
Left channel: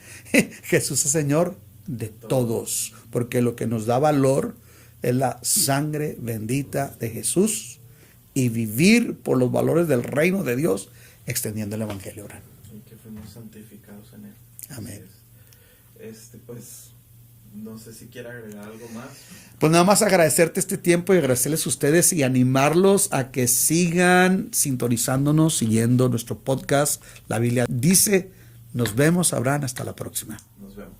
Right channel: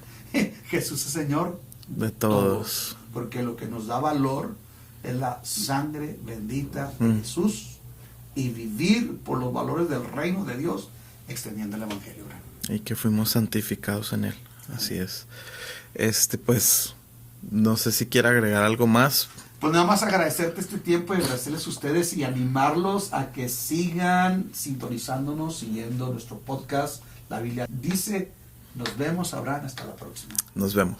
Jesús es Señor de todos. Porque lo que nos da valor es la sangre bendita de Jesús y vivir por los valores del reino de Dios extendiendo el evangelio. Y que fuimos santificados en él. Amén. Así es. Pues no sé si quiere agregar algo más. Pues nada más agradecerte este tiempo y agradecerles a ustedes y animarlos a que sigan sintonizándonos, siguiendo nuestro podcast. La Biblia dice. Nos vemos, Abraham. Hasta la próxima. Nos vemos.